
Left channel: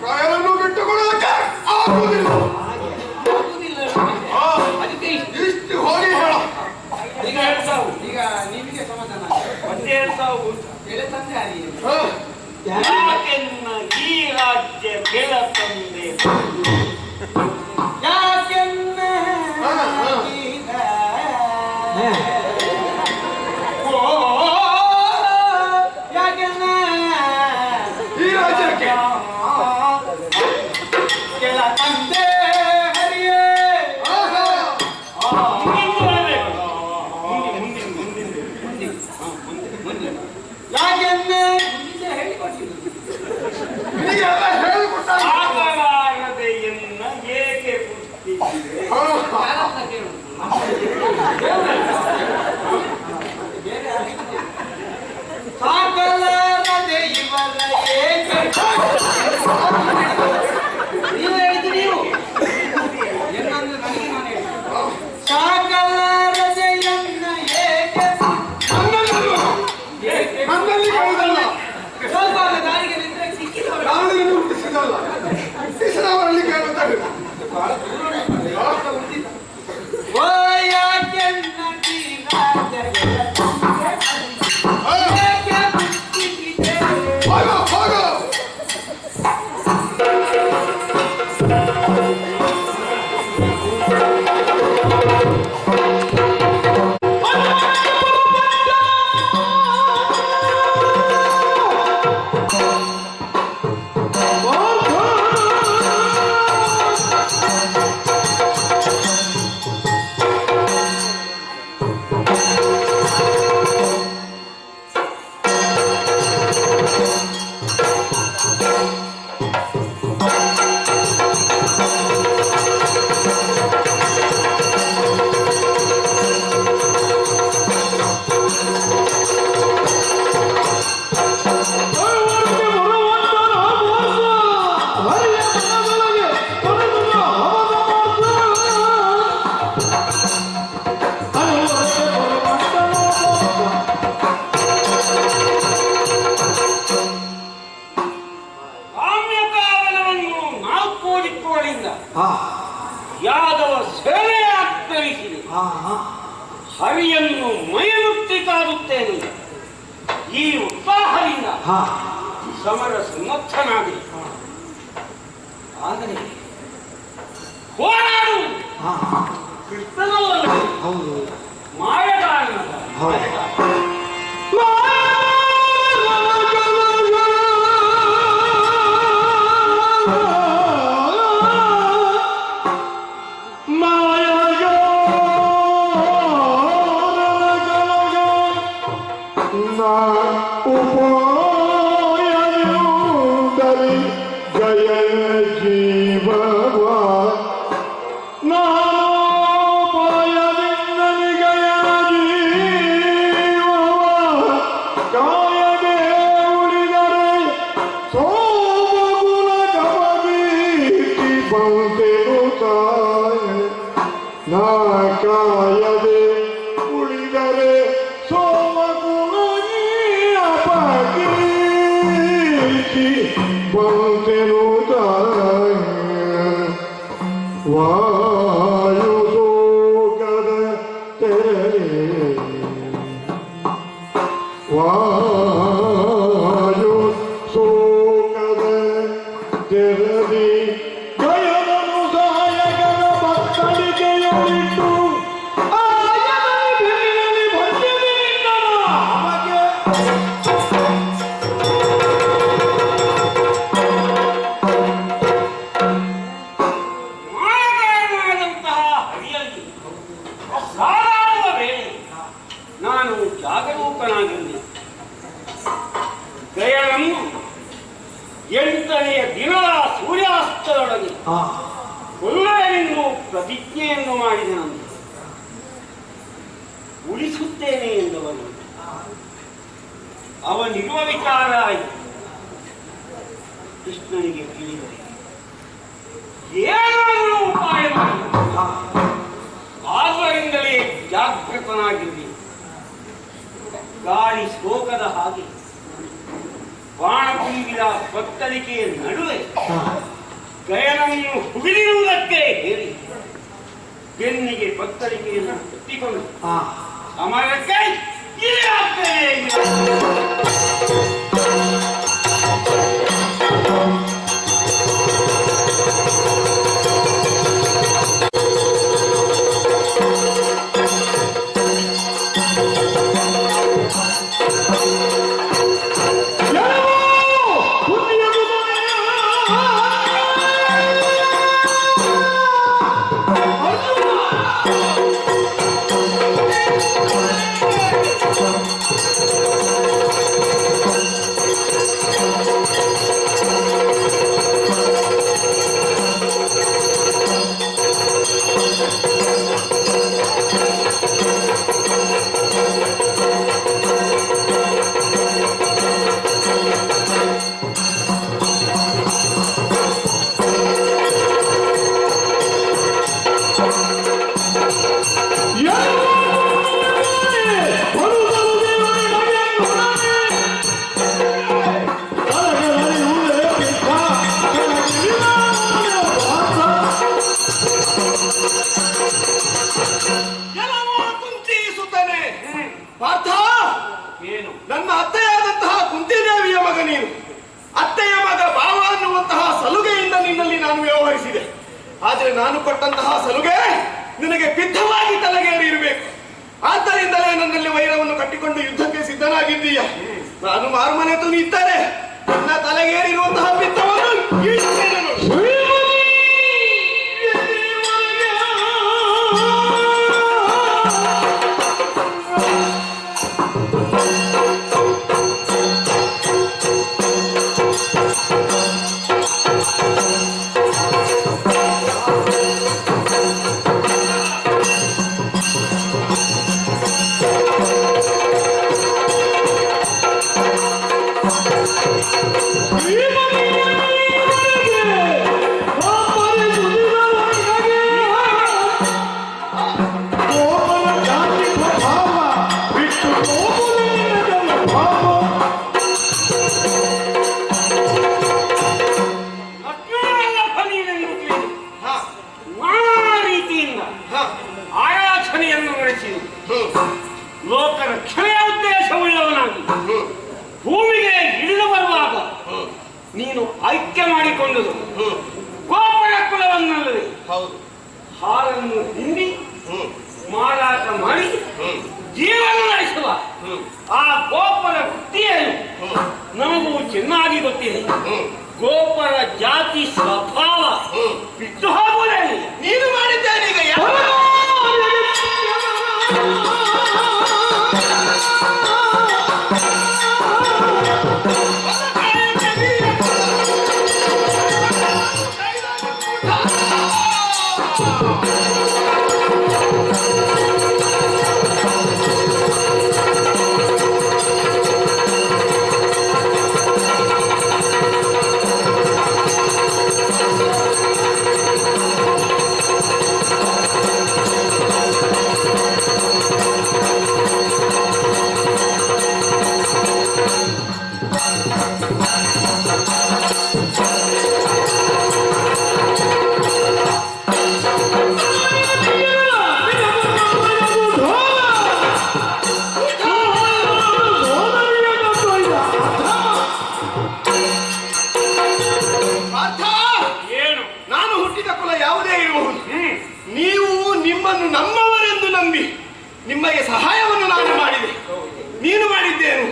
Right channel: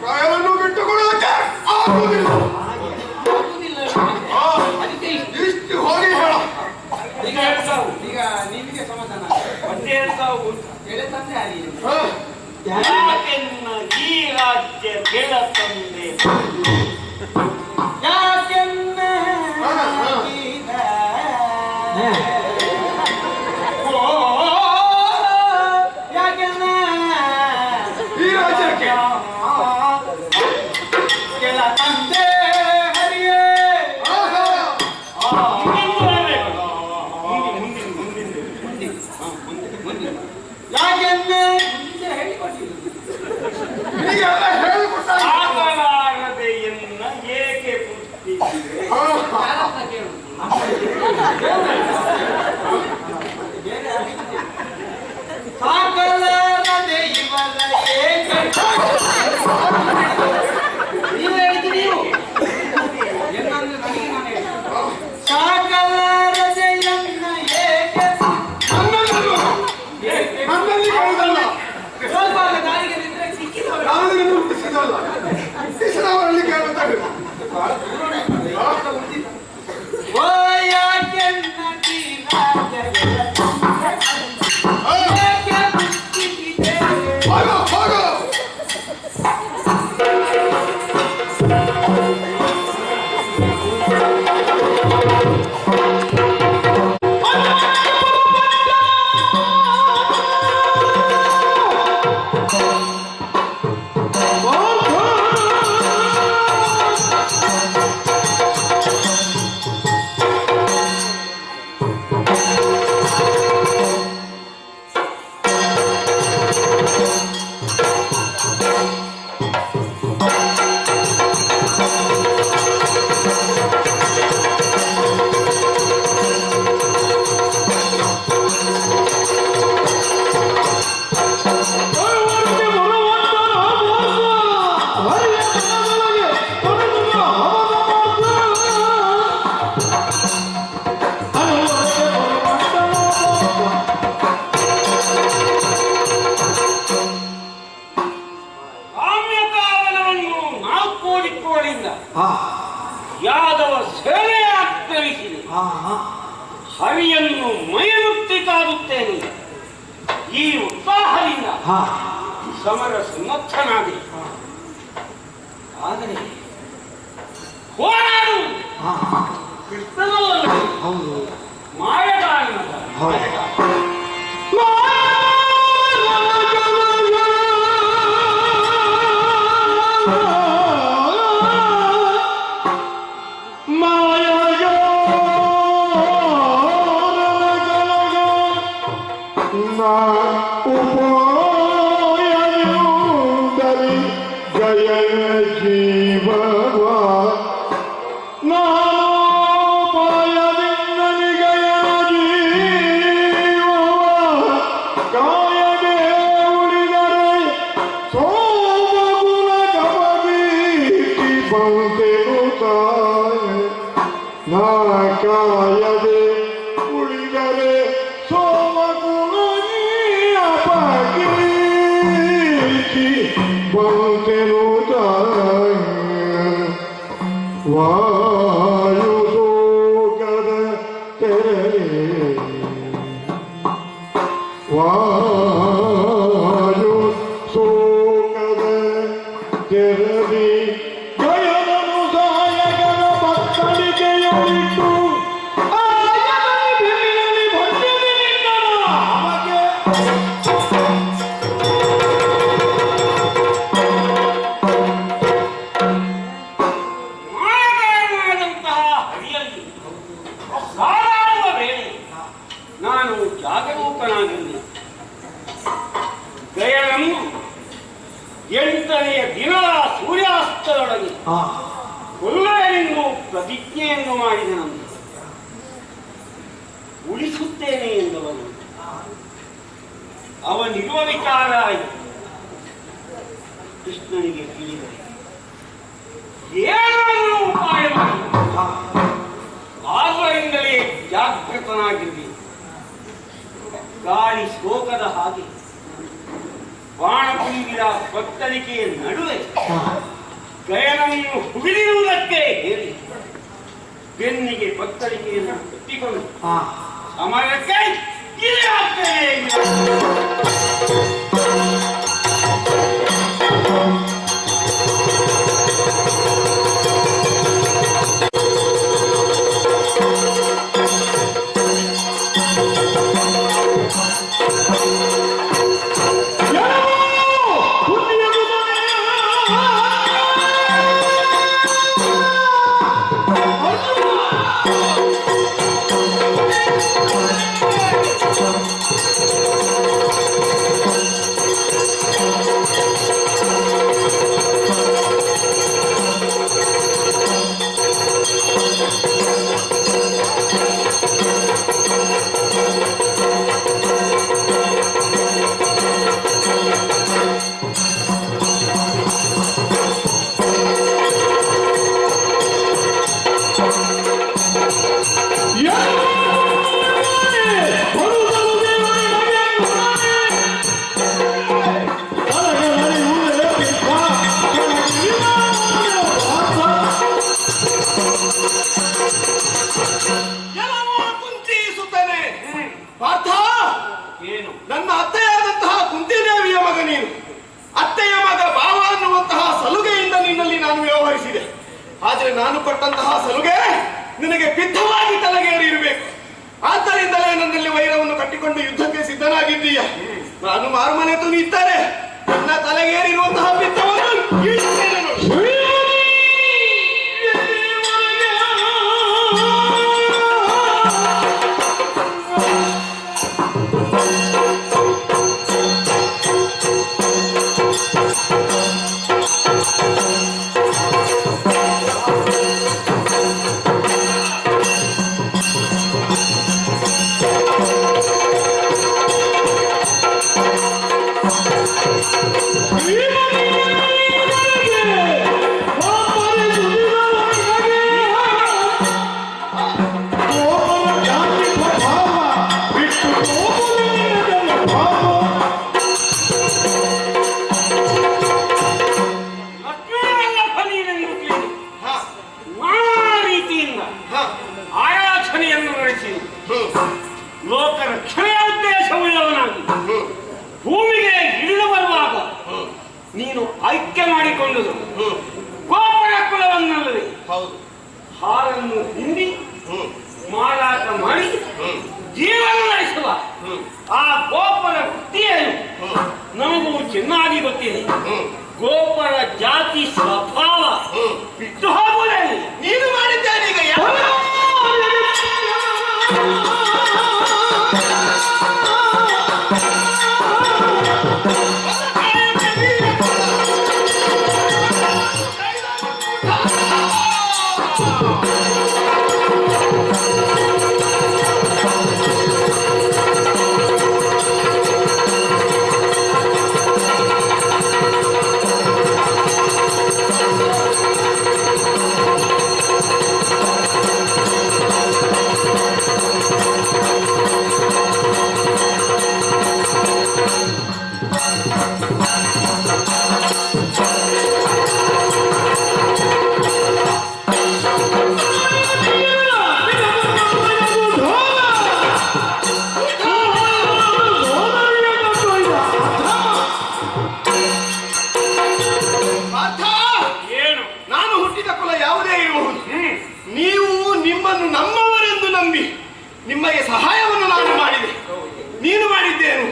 ಪ್ರಯಾಣವನ್ನು ಬಿಟ್ಟುಕೊಡೋದಕ್ಕೆ ಆಗುವುದಿಲ್ಲ. ಆಗುದಿಲ್ಲ. ಆ, ಅದಕ್ಕೆ ಇಷ್ಟು ಹೋಗಿ ಹೇಳ. ಈಗ ನಿಮಗೆ ಹಾ. ಯಾಕೆನ್ನ ಈ ರಾಜ್ಯ ಕೆಳ ತಂದೆ ಯಾಕೆನ್ನ ಹಾ, ಹಾ. ಯಾಕೆನ್ನ ಈ ರಾಜ್ಯಕ್ಕೆ ಕೆಲ ತಂದೆ ಹರಿಯೇ ಆಹಾ. ಯಾಕೆನ್ನ ಹೀಗೆಲ್ಲ ಹೇಳಿಕೊಟ್ಟಾಗ ಆಗಲಾರದೆ ಎನ್ನ ಏಕೆ ಪುಟ್ಟಿಸಿದೆ ಸಾಕಲಾರದೆ ಇವರ ಏಕೆ ನೀವು ಹೇಳಿದ್ದು ನೀವು ಏನಂದ್ರೆ ನನಗೆ ನಾನು ಹೇಳಿದ್ದು. ಸಾಕಲಾರದೆ ಎನ್ನ ಏಕೆ ಏಕೆ ನನ್ನಲ್ಲಿ ಕೇಳುವುದಲ್ಲ ಸ್ವಲ್ಪ ದಾರಿಗೆ ನಿಂತರೆ ಸಿಕ್ಕಿದವರು ಯಾವುದನ್ನು ಹುಟ್ಟಿಸಿದಲ್ಲ ಹುಟ್ಟಿಸಿದವರಲ್ಲಿ ಕೇಳುತ್ತಾರೆ ಓ ಯಾಕೆನ್ನ ಈ ರಾಜ್ಯಗಳ ಏಕೆ ಹುಟ್ಟಿಸಿದೆ? ಹೋಗು ಹೋಗು ಕಾಮ್ಯಕಾವನವನ್ನು 4 ದಿಕ್ಕುಗಳಿಂದ ಯಾದವ ಸೇನೆ ಆಕ್ರಮಿಸಿದೆ. ಹರಿಯನ್ನು ಮೈಮುಟ್ಟಿ ಕಾದುತ್ತೇನೆ. ಈ ಉತ್ಸಾಹದಿಂದ ಸಮರ ಸಮರ್ಥನಾಗಿ ಆದರೆ ಹೋರಾಡು ಕೃಷ್ಣನಲ್ಲದೆ ಮಾಯಗಾರನಲ್ಲ. ಜಯ ಜೀವವ ನಾನೋಪಾಯದಿಂದ ನಿಗಯ ಜೀವವ ಕಾಯದೆ ಉಳಿದರೆ ಸೋಮಗುಣ ಗಮಗೀತಿ ಬಂತೆನು ತಾಯ ನಾ ಕಾಯದೆ ಉಳಿದರೆ ಸೋಮಗುಣ ಅಪಕೀರ್ತಿ ಬಂತೆನು ತಾಯ ವಾಯು ಶೋಕದ ತೆರೆ ವಾಯು ಶೋಕದ ತೆರದಿ ಗಯನನು ಸಹಾಯಕರ ಭಕ್ತಳಿಕೆಯೊಳಿಟ್ಟು ಮಾಯಗಾರನಾದಂತಹ ಹರಿಯಲ್ಲಿ ಸಾರಾಡುವ ವೇಳೆ ನಾನು ಜಾಗರೂಕನಾಗಿರಲಿ. ಗಯನನ್ನು 8ನೆಯ ದಿನದ ಸೂರ್ಯಾಸ್ತದೊಳಗೆ ಕೊಲ್ಲುವೆನೆಂದು ಪ್ರತಿಜ್ಞೆಯನ್ನು ಮಾಡಿದ ನಂತರ ಉಳಿಸುತ್ತೇನೆ ಎಂದವನು ಅವನಿರುವ ವಿಚಾರ ಕೃಷ್ಣನಿಗೆ ತಿಳಿದರೆ ಏನಾದರೂ ಉಪಾಯ ಮಾಡಿ ಆದ್ದರಿಂದಲೇ ಜಾಗೃತನಾಗಿರಲಿ. ಗಾಳಿ ಶೋಕದ ಹಾಗೆ ಬಾಣ ತುಂಬಿದ ಕತ್ತಲಿಕೆಯ ನಡುವೆ ಗಯನನ್ನು ಹುಗಿದಿರುವುದಕ್ಕೆ ಹೇಳಿ ಬೆನ್ನಿಗೆ ಕತ್ತಲಿಕೆಯನ್ನು ಕಟ್ಟಿಕೊಂಡು ಸಮರಕ್ಕೆ ಇದೇ ಆಗ್ತದೆ. ಎಲ್ಲವೂ ಕುಂತಿಸುತ್ತಾನೆ. ಪಾರ್ಥ, ಏನು? ನನ್ನ ಅತ್ತೆಯಾದಂತಹ ಕುಂತಿದೇವಿಯ ಮಗ ನೀನು. ಅತ್ತೆಯ ಮಗ ಭಾವ ಅನ್ನುವಂತಹ ಸಲುಗೆಯಿಂದ ನಿನ್ನಲ್ಲಿ ನಾನು ವ್ಯವಹರಿಸಿದೆ. ಆದರೆ ನಾನು ಕೊಟ್ಟಂತಹ ಸಲುಗೆ ನಿನಗೆ ಬಿದ್ಧವಾಗಿ ತಲೆಗೇರಿ ಇರಬೇಕು. ಆದ್ದರಿಂದಲೇ ನನ್ನಲ್ಲಿ ವೈರವನ್ನು ಕಟ್ಟಿಕೊಂಡು ಯುದ್ಧಕ್ಕೆ ಸಿದ್ಧನಾಗಿದ್ದೀಯ. ನಾನು ಮಾರುಮನೆ ತುನಿ ಇದ್ದರೆ ನನ್ನ ತಲೆಗೇರಿರುವಂತಹ ಬಿದ್ದವನ್ನು ಇಳಿಸ್ತೇನೆ ನೋಡು. ಆರಾಧನೆಯನ್ನು ನಡೆಸಿ ಲೋಕರಕ್ಷಣೆಯ ಉದ್ದೇಶವುಳ್ಳವನಾಗಿ ಭೂಮಿಗೆ ಇಳಿದು ಬರುವಾಗ ನೀನು ಐಕ್ಯ ಮಾಡಿಕೊಂಡುದು ಗೋಪರ ಕುಲವನ್ನಲ್ಲದೆ ಹಾರನ್ನು ಹಿಂಡಿ ಮಾರಾಟ ಮಾಡಿ ಜೀವನ ನಡೆಸುವ ಆ ಗೋಪರ ವೃತ್ತಿಯನ್ನು ನಮಗೂ ಚೆನ್ನಾಗಿ ಗೊತ್ತಿದೆ. ಗೋಪರ ಜಾತಿ ಸ್ವಭಾವ ಬಿಟ್ಟು ಹೋಗುವುದೇನು? ನೀನು ಮಾಡಿದ್ದೇನೆ ಈಗ ನಮ್ಮವರೆಂದು ನಂಬಿ ನಿಮಗೆ ಸಹಾಯವನ್ನು ನಾನು ಮಾಡಿದೆ. ನೀನು ಮಾಡಿದ್ದೇನು?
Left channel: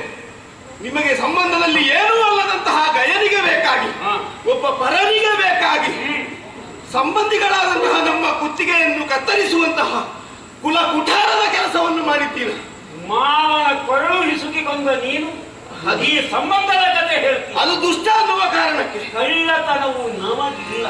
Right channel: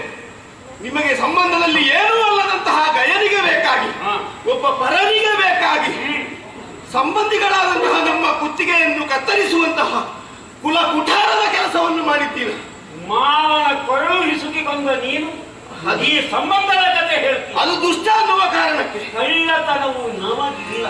ನಿಮಗೆ ಸಂಬಂಧದಲ್ಲಿ ಏನೂ ಅಲ್ಲದಂತಹ ಗಯರಿಗೆ ಬೇಕಾಗಿ, ಒಬ್ಬ ಪರನಿಗೆ ಬೇಕಾಗಿ, ಸಂಬಂಧಿಗಳಾದಂತಹ ನಮ್ಮ ಕುತ್ತಿಗೆಯನ್ನು ಕತ್ತರಿಸುವಂತಹ ಕುಲ ಕುಠಾರದ ಕೆಲಸವನ್ನು ಮಾಡಿದ್ದೀರ. ಮಾವನ ಕೊರಳು ಹಿಸುಕಿಕೊಂಡ ನೀನು ಈ ಸಂಬಂಧದ ಕತೆ ಹೇಳ್ತೀನಿ. ಅದು ದುಷ್ಟ ಅನ್ನುವ ಕಾರಣಕ್ಕೆ ಕಳ್ಳತನವು ನಮಗಿಲ್ಲ.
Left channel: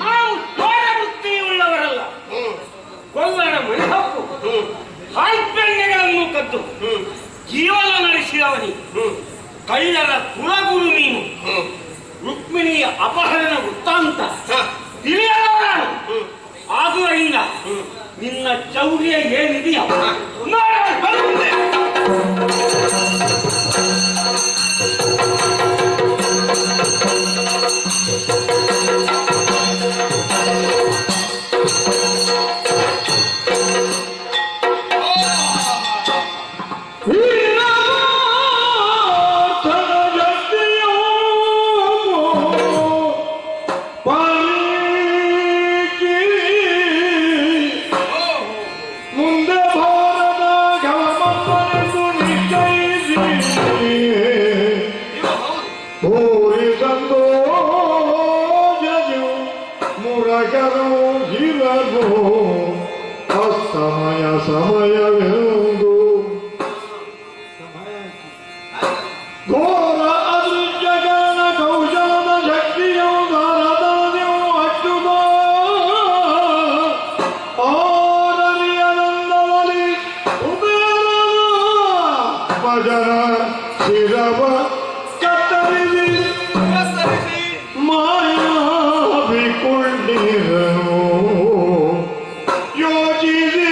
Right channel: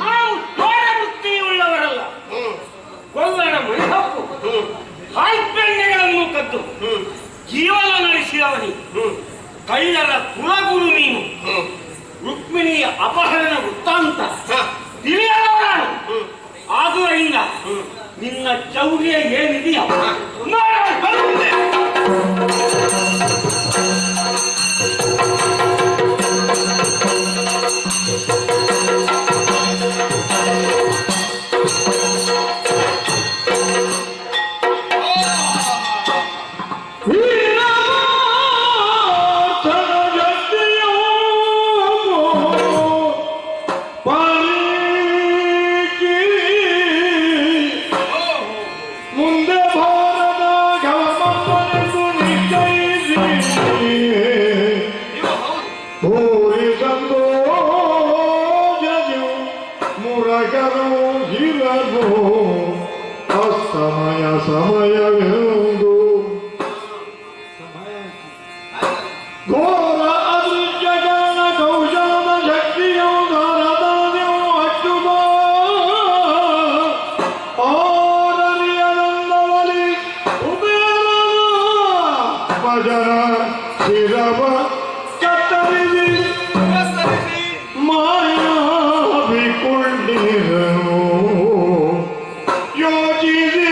ನಾವು ಚೋರ ಬುದ್ಧಿಯುಳ್ಳವರಲ್ಲ. ಕೊಳ್ಳರ ಮೈಹಕ್ಕು ಕಾಲ್ಪೆಣ್ಣೆಗಳನ್ನು ಕದ್ದು ಜೀವನ ನಡೆಸಿದವನಿ. ಕಳ್ಳರ ಕುಲಗುರು ನೀನು. ರುಕ್ಮಿಣಿಯ ಅಪಹರಣ ವೃತ್ತಾಂತ ತಿಳಿಯದವರಾನು. ಆದುದರಿಂದ ನಿನ್ನ ಚೌರ್ಯ ಏನಿದೆಯಾ ಸಮಯವೆಂದು ಘೋರ ಅದೃಶ್ಯಗಾನ ಕೌಶಲದ ಶಕ್ತಿಯು ಧಾರದಾದ್ಯವು ಅಚ್ಚುತ ಆರರಿಯನಂದವಲಿ ಭಜನ ಶಿರವ ಕತ್ತರಿಸಿ ಮಾಯಾ ಬಿಕೊಂಡಿರನು ಯೋಚಿಸಿ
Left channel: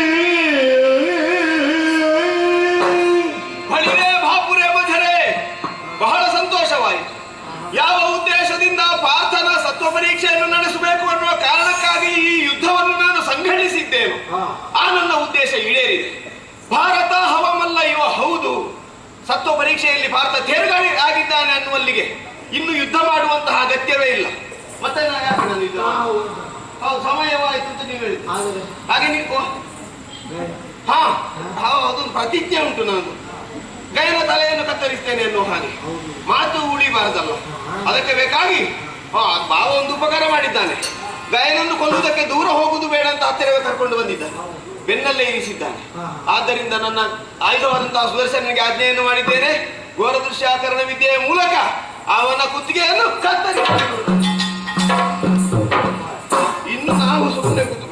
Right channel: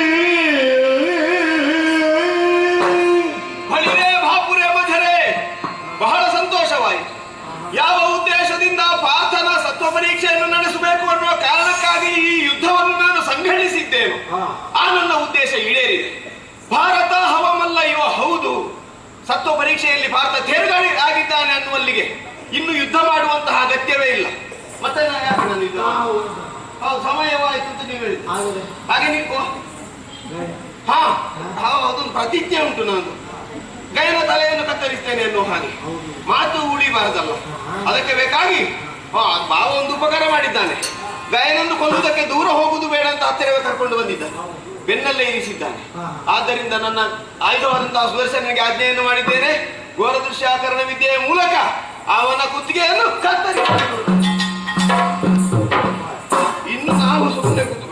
ಯಾವ ಉದ್ದೇಶದಿಂದ ಪಾರ್ಥನ ಸತ್ವ ಪರೀಕ್ಷೆಯನ್ನು ನಡೆಸಬೇಕು ಅನ್ನುವ ಕಾರಣಕ್ಕಾಗಿ ಈ ಯುದ್ಧವನ್ನು ನಾನು ಸಂಘಟಿಸಿದ್ದೇನೆ. ಆ ನನ್ನ ಉದ್ದೇಶ ಈಡೇರಿದೆ. ಭಾರತ ಹವಮಲ್ಲ ಇವ ಹೌದು. ಸತ್ವ ಪರೀಕ್ಷೆಯಲ್ಲಿ ಭಾರತ ತೇರ್ಗಡೆ ಆಗಿದ್ದಾನೆ ಅನ್ನುವಲ್ಲಿಗೆ ಇನ್ನು ಯುದ್ಧ ಮಾಡುವಂತಹ ಅಗತ್ಯವೇ ಇಲ್ಲ. ಮತ್ತೆ ಹೌದು ಸಮಯವಾಯಿತು ಅಂತ ನೀವು ಹೇಳಿದ್ದು ಹಾಗೆ ನೀವು ಅದೊಂದು ಪ್ರತಿಜ್ಞೆ ಉಂಟು. ನಾನು ಗೈನ ತಲೆಯನ್ನು ಕತ್ತರಿಸ್ತೇನೆ ಅನ್ನೋ ಹಾಗೆ ಮಾತು ಉಳಿಬಾರದಲ್ಲ. ಅದಕ್ಕೆ ಬೇಕಾಗಿ ಭಾವ ಒಂದು ಉಪಕಾರ ಮಾಡಿದ್ದಾನೆ. ಗಯನನ್ನು ಕೊಲ್ಲುವುದಕ್ಕೆ ದೂರ ಹೋಗುವುದು ಬೇಡ ಅಂತ ಹತ್ತಿರವೇ ಕರ್ಕೊಂಡು ಬಂದಿದ್ದಾನೆ. ಬೆನ್ನಲ್ಲೇ ಇರಿಸಿದ್ದಾನೆ. ಆದ್ದರಿಂದ ನನ್ನ ಆಯುಧವಾದಂತಹ ಸುದರ್ಶನಿಗೆ ಆಜ್ಞೆಯನ್ನು ಮಾಡಿದ್ದೇನೆ. ಘೋರ ದೃಶ್ಯಾಕರಣ ವಿದ್ಯೆಯ ಮೂಲಕ ಅವನ ಕುತ್ತಿಗೆಯನ್ನು ಕತ್ತರಿ. ಇನ್ನು ನಾವು ಸುಮ್ಮನೆ ಕೂತ್ಕೊಂಡು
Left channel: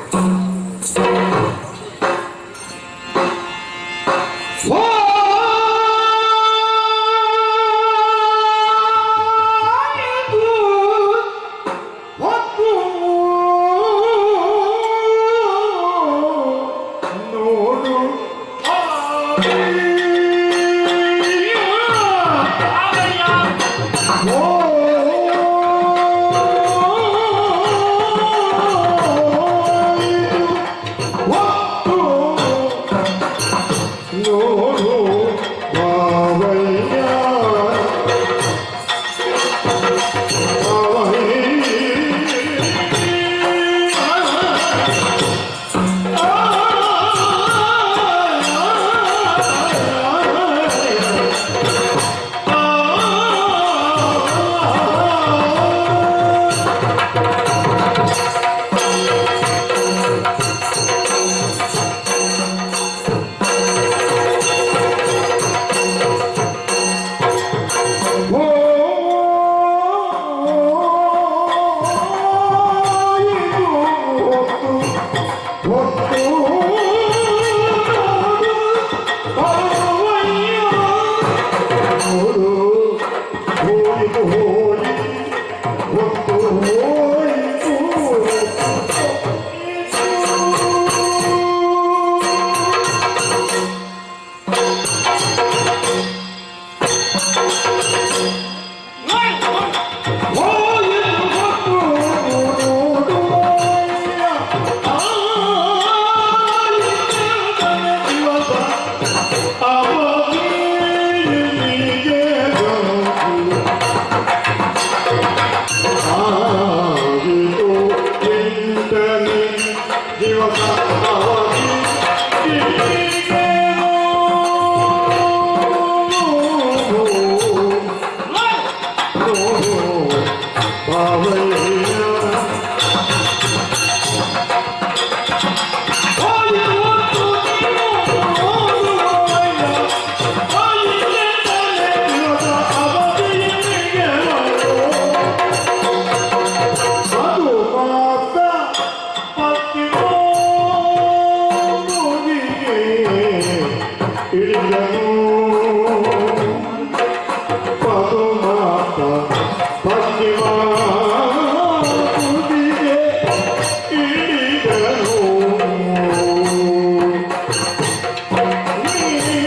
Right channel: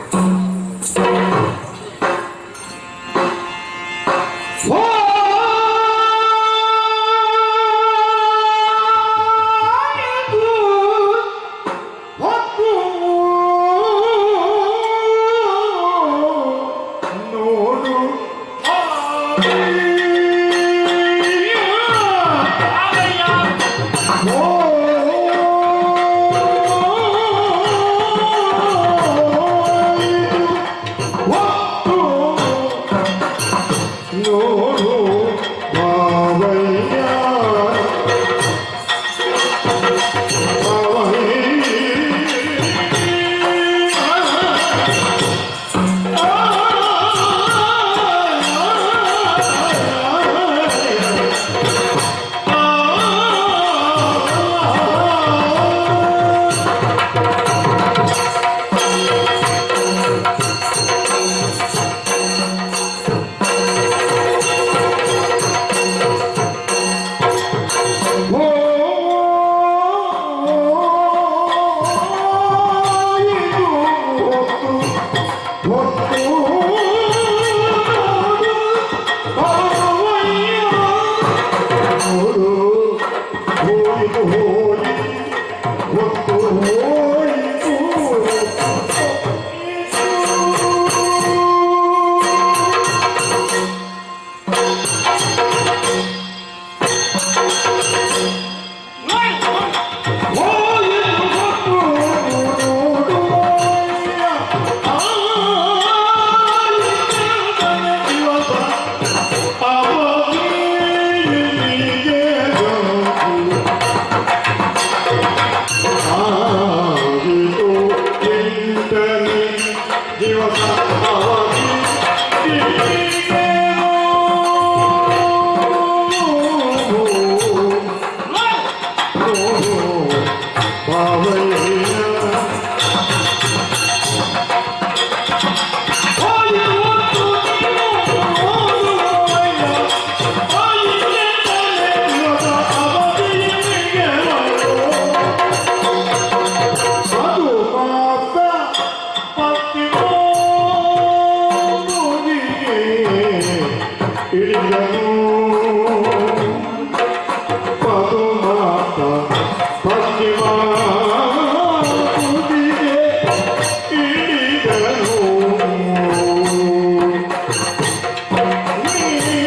ಪಶ್ಚಿಮ ತುದಿಗೆ ಇಳಿದನು. ನೀ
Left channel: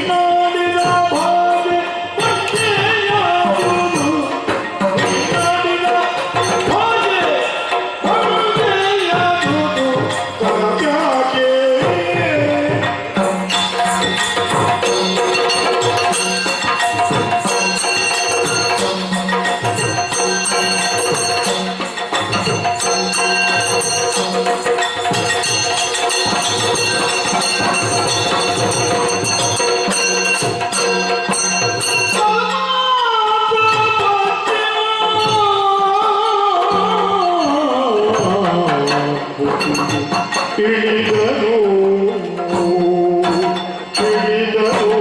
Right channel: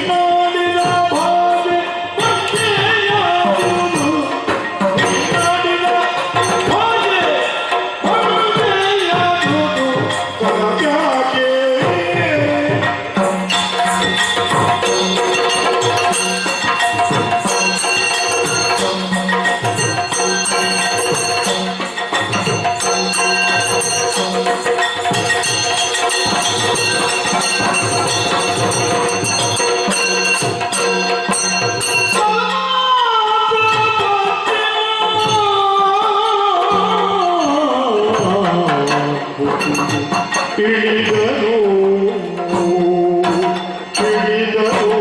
ಮಾಡಿದ ಭಾಗ್ಯ ಭಕ್ತಿಯಾದುದು. ನೀ ಮಾಡಿದ ಭಾಗ್ಯ ಭಕ್ತಿಯಾದುದು. ತನಗ್ಯಾಕೆ ಇಳಿದನು ಇಳಿದನು.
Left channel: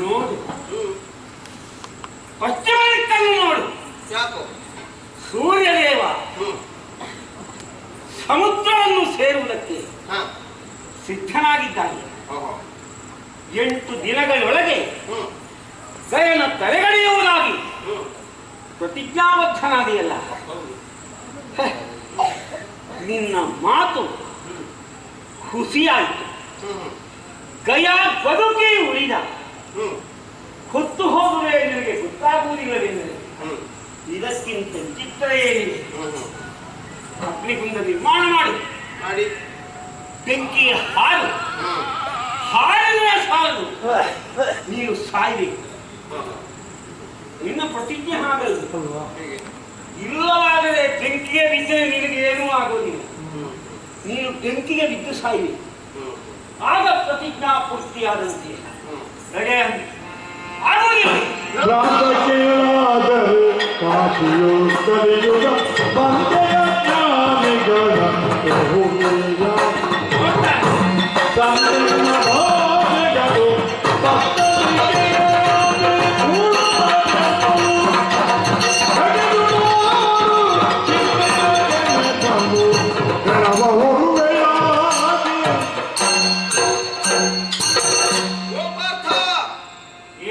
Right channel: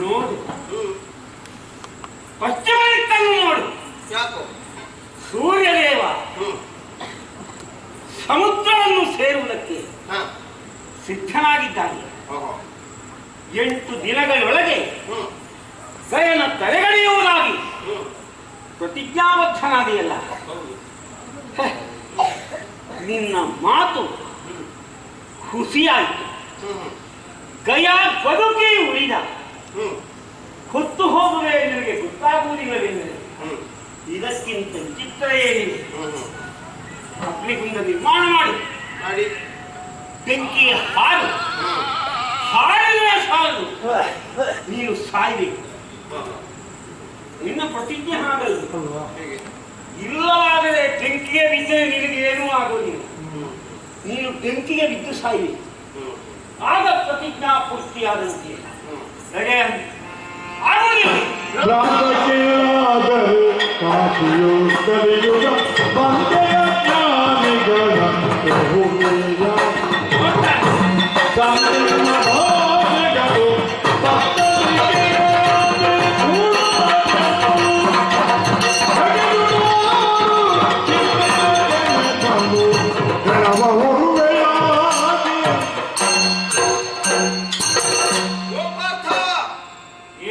ನೋಡು, ಪಶ್ಚಿಮ ದಿಕ್ಕನ್ನು ನೋಡು. ಯಾಕೋ? ಸೂರ್ಯದೇವ ಸಮುದ್ರವನ್ನು ಸೇರುವುದಕ್ಕೆ ಹಾ. ಸಿದ್ಧನಾಗಿದ್ದಾನೆ. ಓಹೋ. 8 ದಿನಗಳೊಳಗೆ ಗಯನ ತಲೆಗಡೆಯುವುದಾಗಿ ಪ್ರತಿಜ್ಞಾಬದ್ಧನಾದಿಯಲ್ಲ. ನಿನ್ನ ಮಾತು ಹುಸಿಯಾಯಿತು. ಗಯ ಬದುಕಿ ಉಳಿದ ಹೊತ್ತು ಹೋಗುವೆ ನಿನಗೆ ಗೊತ್ತಾಗುವುದಿಲ್ಲವೆಂದರೆ ಇದಕ್ಕಿಂತ ವಿಚಿತ್ರ ಏನಿದೆ? ಅಗ್ನಿಕುಂಡ ನಿರ್ಮಾಣ ಮಾಡಿ ಬೆಂಕಿಯ ಹಾಲು ಹಾಲಿನ ಸಾಲು ನೀನು ಸಾಯಬೇಕು. ನಿನ್ನ ಪ್ರತಿಜ್ಞೆ ಹಾಗಲ್ಲ. ಇಲ್ಲವಾದರೆ ಬೆಂಕಿಗೆ ಬಿದ್ದರೆ ನಿನಗೆ ಏನೂ ಆಗೋದಿಲ್ಲ. ನೀನು ಬೆಂಕಿಗೆ ಬಿದ್ದು ಸಾಯಬೇಕು. ಆಗ ಪ್ರತಿಜ್ಞಾ ಪೂರ್ತಿಯಾದಂತೆ ಆಗುವುದಿಲ್ಲ. ರಾಜಕೀಯರಾದರೆ ಕಾಶಿಯು ಕಲಿಯುಗ ಬಂದೆಯ ಜ್ಞಾನಿಗಳ ಬಹುಮೂಲ್ಯ. ಸಂದಿನ ಭಾಷೆಗಳು ಭಕ್ತರಿಗೆ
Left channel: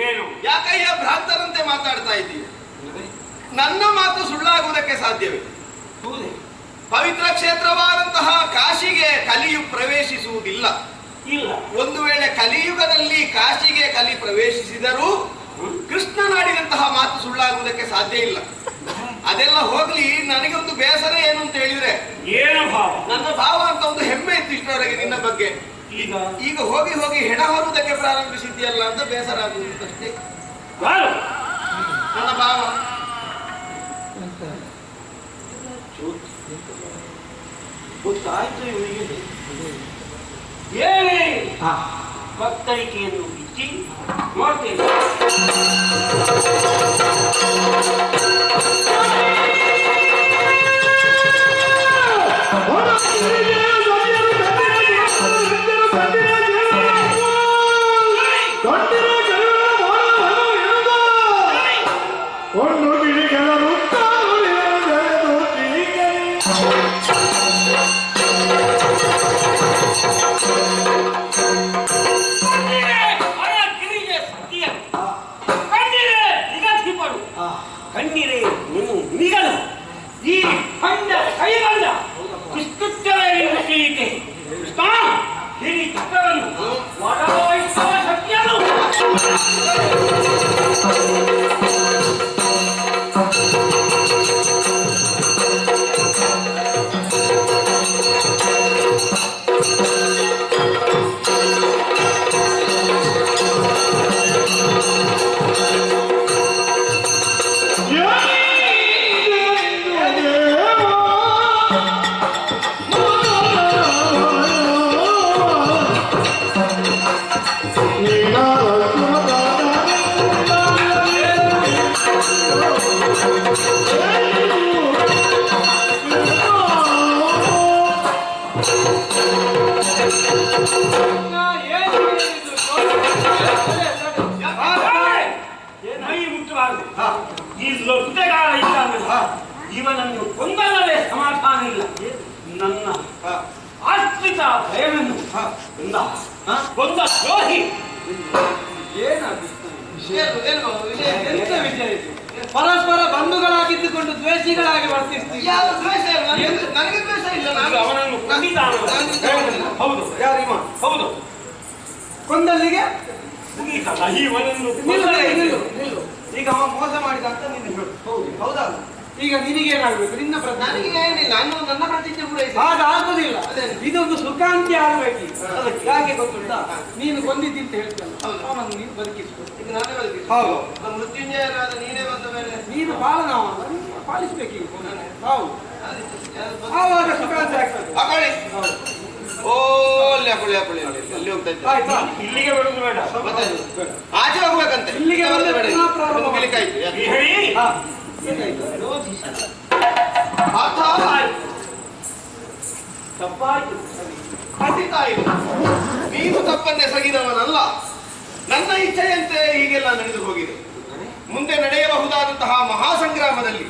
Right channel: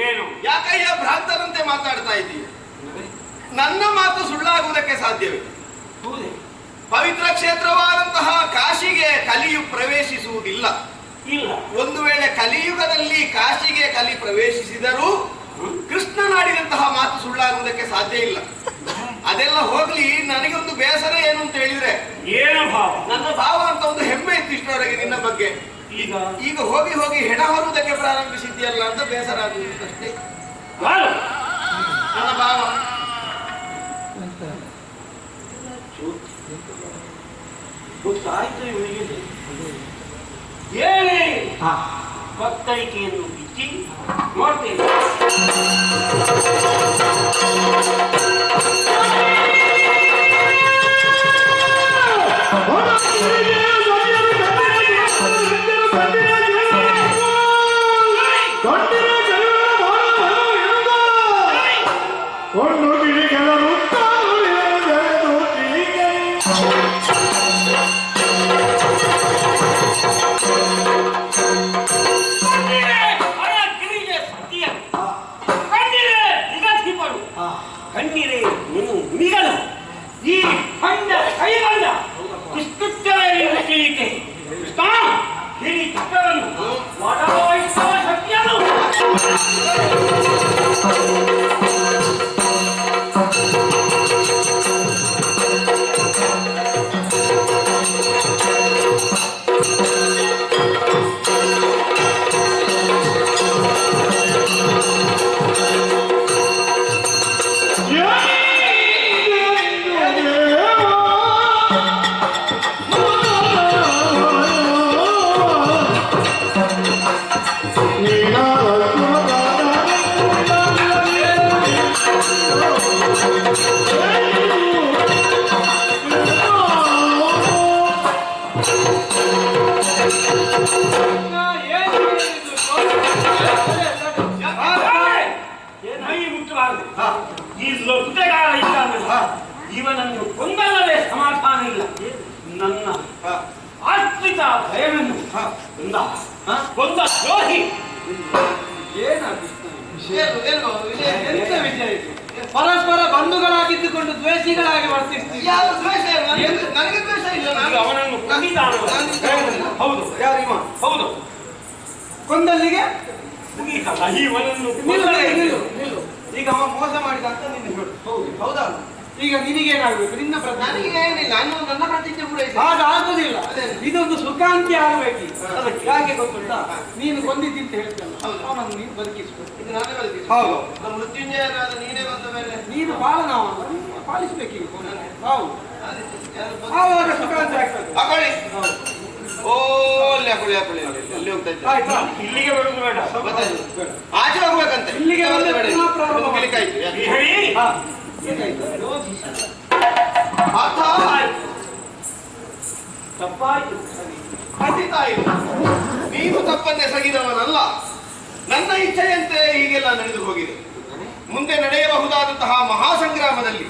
ಏನು? ಯಾಕಯ್ಯ ಭ್ರಾಂತರಂತೆ ಮಾತಾಡ್ತಾ ಇದ್ದೀವಿ? ನನ್ನ ಮಾತು ಸುಳ್ಳಾಗುವುದಕ್ಕೆ ಸಾಧ್ಯವೇ? ಪವಿತ್ರ ಕ್ಷೇತ್ರವಾದಂತಹ ಕಾಶಿಗೆ ಕಲಿಯು ಪ್ರವೇಶಿಸುವುದಿಲ್ಲ. ಇಲ್ಲ. ಒಂದು ವೇಳೆ ಕಲಿಯುಗದಲ್ಲಿ ಕಾಶಿಗೆ ಕಲಿ ಪ್ರವೇಶಿಸಿದರೂ ಕೃಷ್ಣನಾಡಿದಂತಹ ಮಾತು ಸುಳ್ಳಾಗುವುದಕ್ಕೆ ಸಾಧ್ಯ ಇಲ್ಲ. ಅದೆಲ್ಲ ಹೋಗ್ಲಿ, ನನಗೆ ಒಂದು ಬೇಸರ ಏನು ಅಂತ ಹೇಳಿದ್ರೆ, ಏನು ಭಾವ? ನನ್ನ ಭಾವ ಅಂತ ಒಂದು ಹೆಮ್ಮೆ ಇತ್ತು ಇಷ್ಟರವರೆಗೆ ನಿನ್ನ ಬಗ್ಗೆ. ಈಗ ಹೋಗಿ ಹೋಗಿ ಹೆಣ ಹೊರುವುದಕ್ಕೆ ಪ್ರಾರಂಭಿಸಿದ್ಯಲ್ಲ ಅಂತ ಬೇಸರ ಆಗುವುದು ಅಷ್ಟೇ. ನನ್ನ ಭಾವ ಗೊತ್ತಾಯ್ತು ಇವರಿಗೆ. ಏನೇ ಭಕ್ತರಿಕೆಯನ್ನು ಬಿಚ್ಚಿ ನೋಡ್ತೇನೆ. ಕಣ್ಣೀರೇ ನೀನು ನಿಗಲು ಈ ಹಂಡ ಕೈಗಂಡ ಇಷ್ಟುತ್ತಲೇ ಮೈ ಮುಟ್ಟಬಾರದು. ಈ ಲೊಟ್ಟೆಗಾರ ಇದ್ದಾನಲ್ಲ, ಇವನನ್ನು ಕೊಂದಲ್ಲವೇ ಸಮಾಧಾನ ಇಲ್ಲ. ನನ್ನ ಆಶ್ರಿತ ಭಯವನ್ನು ಕೊಂದ ದ್ರೋಹಿ. ಎಂತ ವಿಷಯ ಇದು? ಪರಸ್ಪರ ಬಂಧುಗಳಾಗಿದ್ದುಕೊಂಡು ದ್ವೇಷಿಗಳಾಗಿ ವರ್ತಿಸ್ತೀವಿ. ಯಾರು ದ್ವೇಷ ಇಲ್ಲ, ನನಗೆ ದ್ವೇಷ ಇಲ್ಲ. ಈಗ ಅವನನ್ನು ಕೊಂದಿದ್ದಾನ. ಹೌದು, ಯಾರಿವ? ಹೌದು. ಕೊಂದಲ್ಲಿಗೆ ಮುಗೀತಲ್ಲ, ಇವನನ್ನು ನಿಲ್ಲು, ನಿಲ್ಲು, ನಿಲ್ಲು. ಈಗ ಅವ ಮೋಸ ಮಾಡಿದ ಅಂತ ನಿನ್ನ ಹೇಳು. ಹೌದು, ಹೌದಾ? ಈಗ ನಿನಗೇನಾಗಬೇಕು? ನಿನ್ನ ಪ್ರತಿಜ್ಞೆ. ನನಗೆ ಏನಿಲ್ಲ, ನನ್ನ ಪ್ರತಿಜ್ಞೆ ಪೂರೈಸಿ. ಹಾಗೆ ಆಗುದಿಲ್ಲ. ಇದೊಂದು ಸುಖಾಂತಿ ಆಗಬೇಕು. ಯಾಕೆ ಗೊತ್ತುಂಟಾ? ನೀನು ಕೊಂದಿದ್ದಿ ಅಂತ ಹೇಳ್ತಲ್ಲ, ಅವನನ್ನು ನೀನು ಬದುಕಿಸ್ಬೇಕು. ಇದು ನಾನೇ ಬದುಕಿ. ಹೌದು. ಮೃತ್ಯುಂಜಯನಾದ ನೀನೇ ಬಂದ ಮೇಲೆ ನೀನು ಪಾಲನವಲ್ಲ, ನೀನು ಪಾಲಿಸ್ಬೇಕೀಗ. ಹೌದು, ಆವಾಗ ಸುಖಾಂತಿ ಆಗ್ತದೆ. ಹಾಕೊಳ್ಳಿ. ಹೌದು. ಓ ಅಲ್ಲಿ ಹಾಕೊಳ್ಳಿ, ಹಾಕೊಳ್ಳಿ, ಅಲ್ಲಿ ಹೋಗ್ತಾ ಇದ್ದೆ. ಆಯ್ತಾ? ಇಲ್ಲಿಗೆ ಬರುವುದು ಬೇಡ. ಆಚೆ ಹೋಗ್ಬೇಕಂತೆ. ಇಲ್ಲಿಗೆ ಬಂದ್ರೆ ಬೇಡ. ಪುನಃ ಪ್ರಾರಂಭ ಒಂದು ಕಿಲಿಕಾಯ್ತು. ಯಾಕೆ? ಹೇಳಿ. ಹಾ. ಏನಾಯ್ತು? ಅರ್ಥ ತಪ್ಪಾಯ್ತು. ಖಂಡಿತ ಇದು. ನೀನು ತಪ್ಪನ್ನೆಸಗಿದವನಲ್ಲ. ನನ್ನ ಇಚ್ಛೆಯಂತೆ ಹೀಗೆಲ್ಲ ನಡೆದು ಹೋಗಿದೆ. ಮುಂದೆ ನಡೆಯಬಹುದಾದಂತಹ ಮಹಾಸಂಗ್ರಾಮದಲ್ಲಿ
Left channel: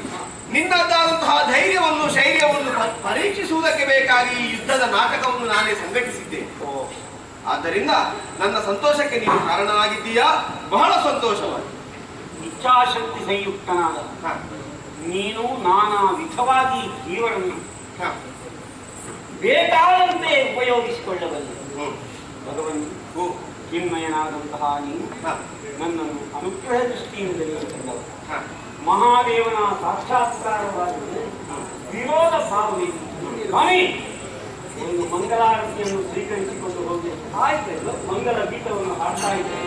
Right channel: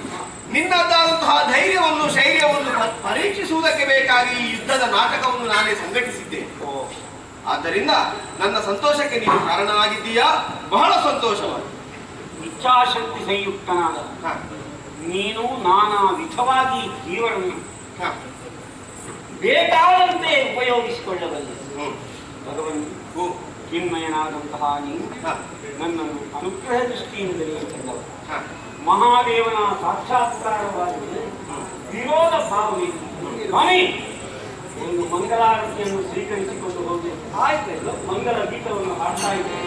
ನಿನ್ನದಾದಂತಹ ಧೈರ್ಯವನ್ನು ಶೈರ್ಯವನ್ನು ಪರೀಕ್ಷಿಸುವುದಕ್ಕೆ ಬೇಕಾಗಿ ಈ ಯುದ್ಧದ ನಾಟಕವನ್ನು ನಾನೇ ಸಂಘಟಿಸಿದ್ದೇನೆ. ಆದ್ದರಿಂದ ನನ್ನ ಸಂತೋಷಕ್ಕೆ ನೀನು ಕಾರಣವಾಗಿದ್ದೀಯಾ? ಬಹಳ ಸಂತೋಷವಾಗಿ. ಇಚ್ಛಾಶಕ್ತಿ ಸಂಯುಕ್ತನಾದ ನೀನು ನಾನಾ ವಿಧವಾಗಿ ಜೀವನವನ್ನು ಬೇಕಾದಂತೆ ಉಪಯೋಗಿಸಿಕೊಳ್ಳಬಲ್ಲೆ. ಭಗವಂತ ಚಿನ್ಮಯನಾದಂತಹ ನೀನು ನನ್ನನ್ನು ಅನುಗ್ರಹ ದೃಷ್ಟಿಯಿಂದಲೇ ಕಂಡವ. ಮಹಾದೇವನ ಸಾಕ್ಷಾತ್ಕಾರವಾಗಿದೆ. ವಿರೋಧ ಭಾವನೆ ಸ್ವಾಮಿ ಒಂದು ಮಂಗಲಾರತಿಯನ್ನು ಸ್ವೀಕರಿಸಿಕೊಂಡು ಹೋಗಿ ಆಯ್ತು. ಮಂಗಲ ಗೀತವನ್ನು ಹಾಡ್ತಾ ಇದ್ದೇನೆ.